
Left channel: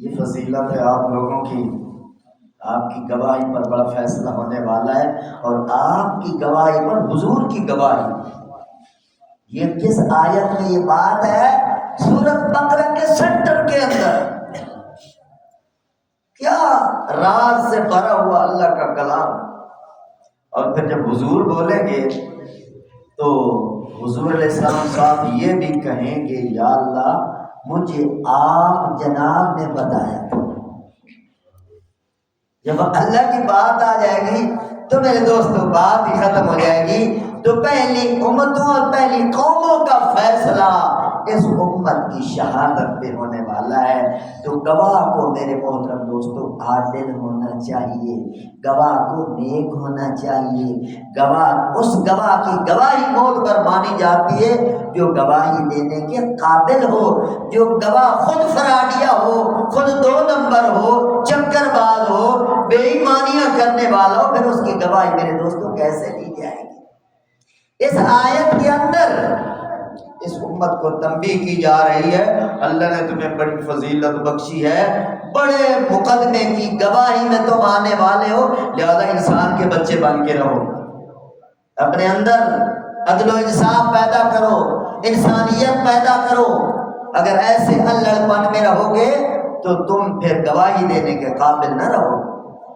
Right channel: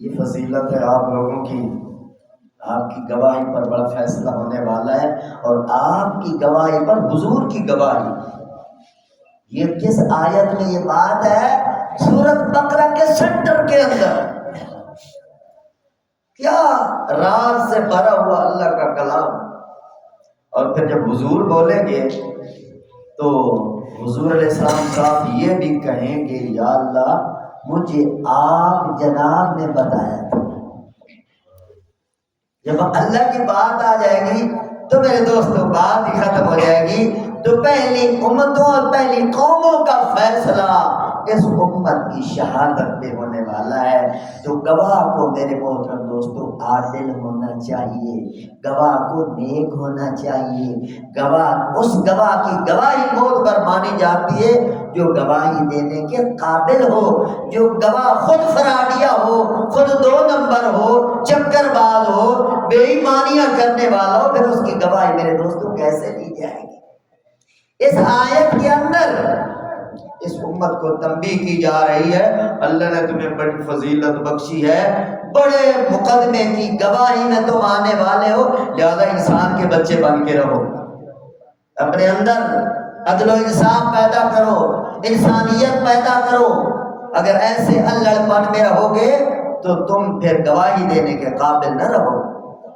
یہ فضیلت ہے آپ لوگوں کی. آپ کی گواہی پر بڑا فیصلہ ہونے والا ہے, اور آپ کی گواہی پر حضور کی گواہی. یہ کس آیت میں یہ بات ہے؟ سورۃ بقرہ کے سینٹر کے اندر. کیا راز سے بھرا ہوا اللہ کا کلام. اور پھر جب حضور بولیں گے تو حضور علیہ السلام صاحب یہ بھی کہیں گے, یا اللہ مجھے آپ جناب نے بتایا تھا. جب اللہ کی بات آ جائے گی تو میرے دوستوں بات ہی ختم ہو جائے گی. تو پہلی امتوں اور پہلی قوموں کا فیصلہ اس امت کی شہادت پہ ہونے والا ہے. تو گواہ کو میرے محترم دوستوں عادل ہونا چاہیے, گواہ کو نیک ہونا چاہیے. گواہ اس گواہ کی گواہی معتبر مانی جاتی ہے جو گواہی دینے کے قابل ہو, جو گواہ خود فراڈیا ہو, خود 2 نمبر ہو, چکر باز ہو, بے ایمانیاں کرنے والا ہو. پھر اس کی گواہی میرے دوستوں کیسے لی جائے گی؟ اس آیت کے اندر اس امت کو تنبیہ کی جا رہی ہے, اللہ نے تمہیں بڑی فضیلت بخشی ہے, بڑے مقدمے کی گواہی میں تم آنے والے ہو, لہذا انسان کے بچے بن کے رہو, اپنے اندر عدل و انصاف پیدا کرو, انسانیت پیدا کرو. اگر ایسے الڑ پن میں رہو گے تو تم پھر گواہی دینے کے قابل نہ رہو.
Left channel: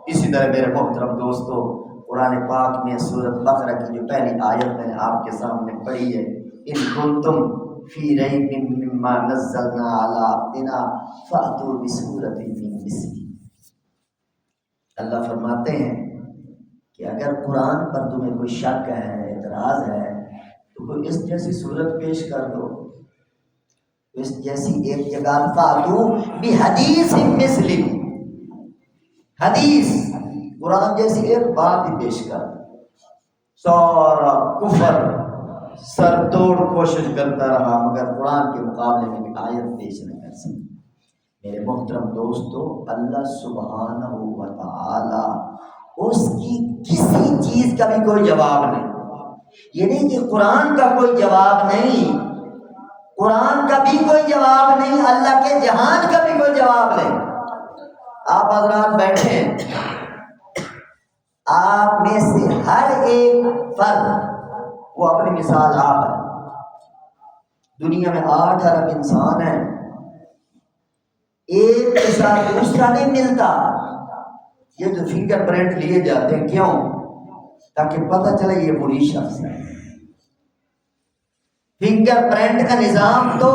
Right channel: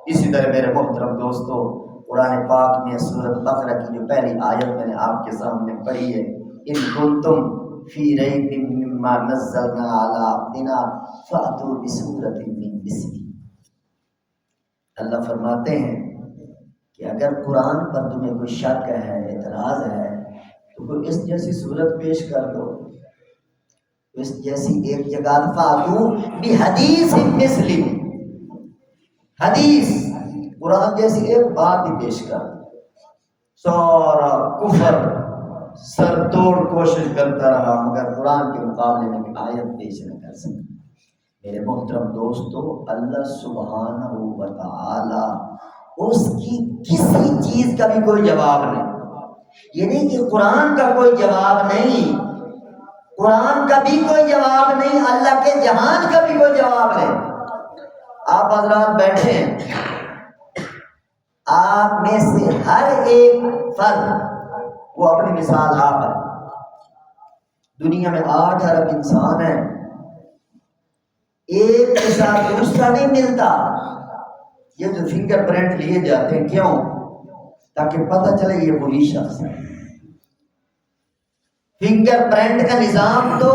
اسی طرح میرے محترم دوستو, قرآن پاک میں سورۃ بقرہ کی جو پہلی آیت میں نے آپ کے سامنے پڑھی ہے, ان کنتم فی ریب مما نزلنا علی عبدنا فأتوا بسورۃ من مثلہ. اللہ فرماتے ہیں کہ اگر قرآن پر تمہیں کوئی شک ہے, اعتراض ہے, تو کوئی اس جیسی صورت پیش کر دو, اس جیسی ایک جگہ فأتوا بحدیث مثلہ, حدیث قرآن جیسی ایک بات ہی پیش کر. سارا کفر سر توڑ کوشش کرتا رہا مگر قرآن کے مقابلے میں بھی آیت پیش نہ کر سکا. میرے محترم دوستو, اللہ سبحانہ و تعالی اس کی کسی چیز کا بھی کوئی جواب نہیں. یہ نہیں کہ قرآن کا کوئی جواب نہیں, قرآن کا بھی کوئی جواب نہیں, اللہ کے جہان کا بھی کوئی جواب نہیں. آپ حضرات بیٹھے ہیں, آپ میں سے ہر ایک فرد وہ اپنی مثال آپ ہے. دنیا میں 8 ارب انسان ہیں, ایک کے ساتھ دوسرا نہیں ملتا. یہ جو فنگر پرنٹ لیے جاتے ہیں کیوں؟ تاکہ پتہ چلے یہ وہی شخص ہے. فنگر پرنٹ کا نظام تو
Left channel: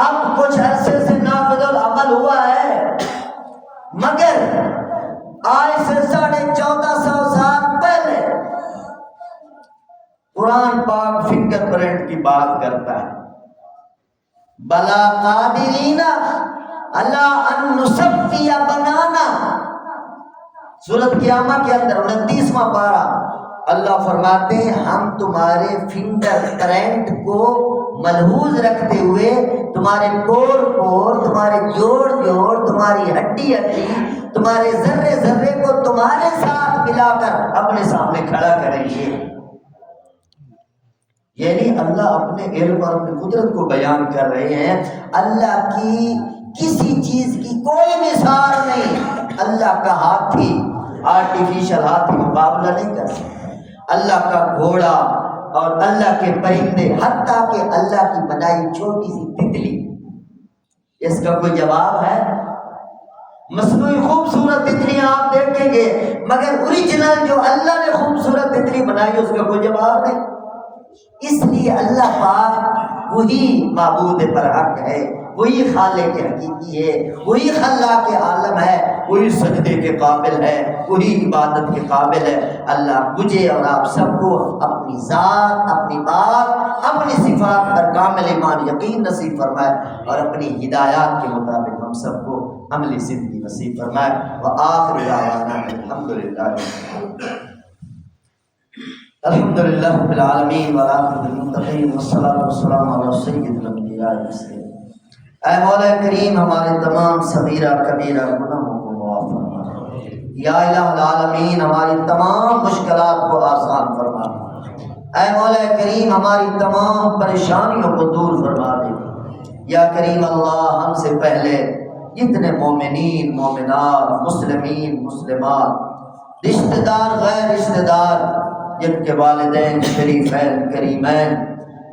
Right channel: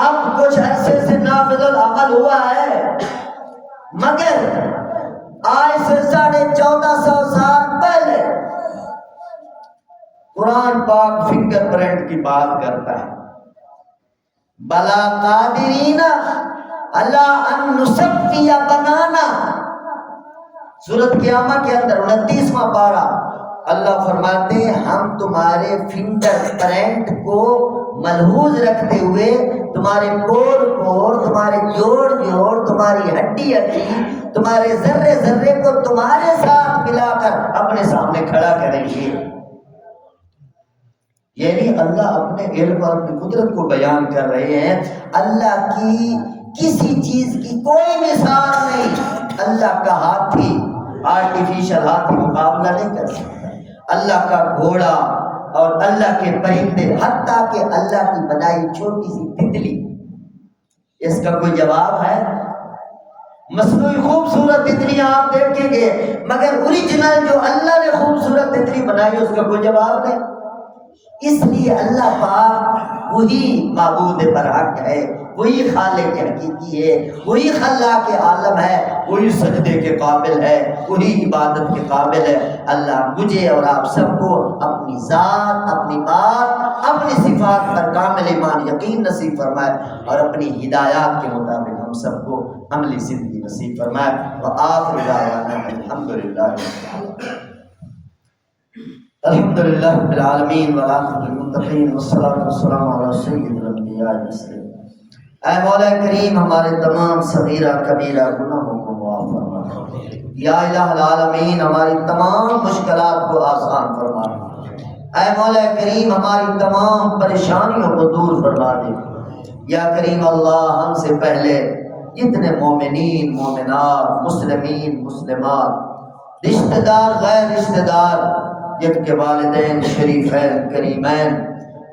اب کچھ عرصے سے نافذ العمل ہوا ہے, مگر آج سے 1450 سال پہلے قرآن پاک فنگر پرنٹ کی بات کرتا ہے. بلا قادرین علی ان نصفی بنانا, سورۃ قیامہ کے اندر 29واں پارہ اللہ فرماتے ہیں ہم تمہارے فنگر پرنٹ کو ملحوظ رکھتے ہوئے تمہارے پور پور, تمہارے جوڑ جوڑ, تمہاری ہڈی ہڈی, تمہارے ذرے ذرے کو تمہارے ساتھ ملا کر اپنے سامنے کھڑا کریں گے. یعنی اللہ اپنے علم اور اپنی قدرت کو بیان کر رہے ہیں. اللہ کی کسی چیز کی کوئی مثال نہیں. اللہ کا ہاتھی, آرٹیفیشل ہاتھی مقابلہ نہیں کر سکتا. اللہ کا گھوڑا اور اللہ کے پرندے, حتیٰ کہ اللہ کی بنائی چھوٹی سی تتلی, اس کا کوئی جواب ہے؟ مصنوعی خوبصورت تتلیاں آپ دیکھیں گے, مگر اوریجنل جو اللہ نے خوبصورت تتلی بنائی اس کا کوئی جواب نہیں. اس لیے اللہ پاک وہی معبود برحق ہے, وہی خالق حقیقی ہے، وہی خلاق عالم ہے، وہی سجدے کے قابل ہے، وہی عبادت کے قابل ہے۔ اللہ مجھے اور آپ سب کو اپنی ذات، اپنی بات، اپنی صفات پر کامل ایمان یقین نصیب فرمائے، اور اپنی ہدایات کے مطابق ہم سب کو عملی زندگی نصیب فرمائے۔ وآخر دعوانا الحمدللہ الحمدللہ رب العالمین والعاقبۃ للمتقین والصلاۃ والسلام علی سید الانبیاء والمرسلین۔ اے مولا کریم ہمارے تمام صغیرہ کبیرہ گناہوں کو معاف فرما، یا الہ العالمین ہماری تمام مشکلات کو آسان فرما، اے مولا کریم ہماری تمام پریشانیوں کو دور فرما دے۔ یا کریم اللہ ہم سے پہلے جتنے مومنین مومنات مسلمین مسلمات رشتہ دار غیر رشتہ دار جن کے والدین شریفین کریمین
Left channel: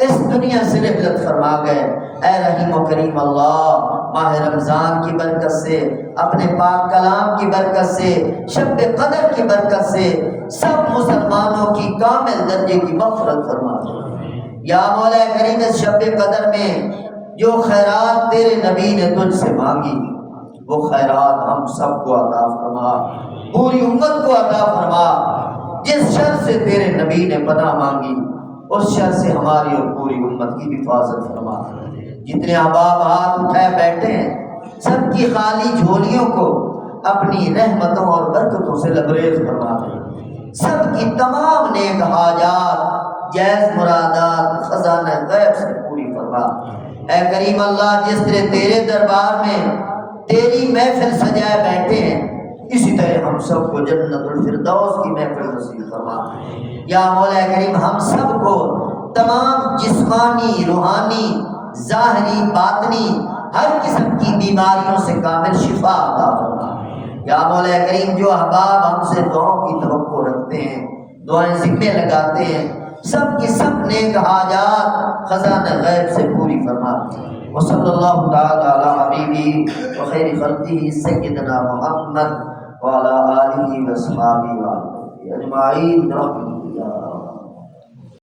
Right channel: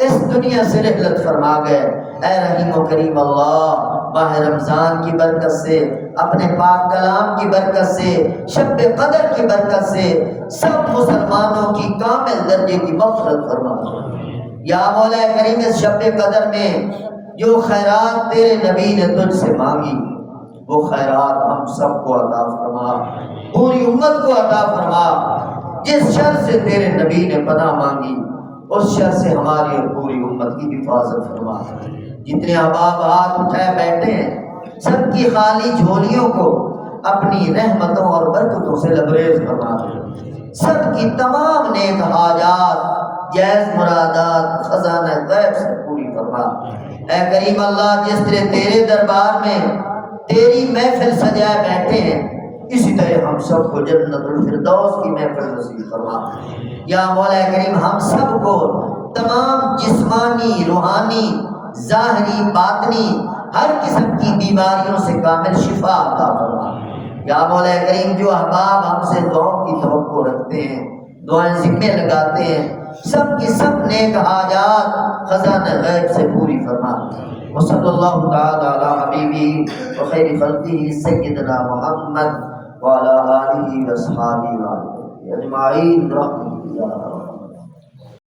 اس دنیا سے رحلت فرما گئے، اے رحیم و کریم اللہ ماہ رمضان کی برکت سے، اپنے پاک کلام کی برکت سے، شب قدر کی برکت سے سب مسلمانوں کی کامل درجے کی مغفرت فرما دے۔ یا مولا کریم اس شب قدر میں جو خیرات تیرے نبی نے تجھ سے مانگی وہ خیرات ہم سب کو عطا فرما، پوری امت کو عطا فرما۔ جس شر سے تیرے نبی نے پناہ مانگی اس شر سے ہماری اور پوری امت کی حفاظت فرما۔ جتنے احباب ہاتھ اٹھائے بیٹھے ہیں سب کی خالی جھولیوں کو اپنی رحمتوں اور برکتوں سے لبریز فرما دے، سب کی تمام نیک حاجات جائز مرادات خزانہ غیب سے پوری فرما۔ اے کریم اللہ جس طرح تیرے دربار میں تیری محفل سجائے بیٹھے ہیں اسی طرح ہم سب کو جنت الفردوس کی محفل نصیب فرما۔ یا مولا کریم ہم سب کو تمام جسمانی روحانی ظاہری باطنی ہر قسم کی بیماریوں سے کامل شفا عطا فرما۔ یا مولا کریم جو احباب ہم سے دعاؤں کی توقع رکھتے ہیں دعائیں ذمے لگاتے ہیں سب کی سب نیک حاجات خزانہ غیب سے پوری فرما۔ وصلی اللہ تعالی علی حبیبی وخیر خلقہ سیدنا محمد وعلی آلہ واصحابہ اجمعین برحمتک یا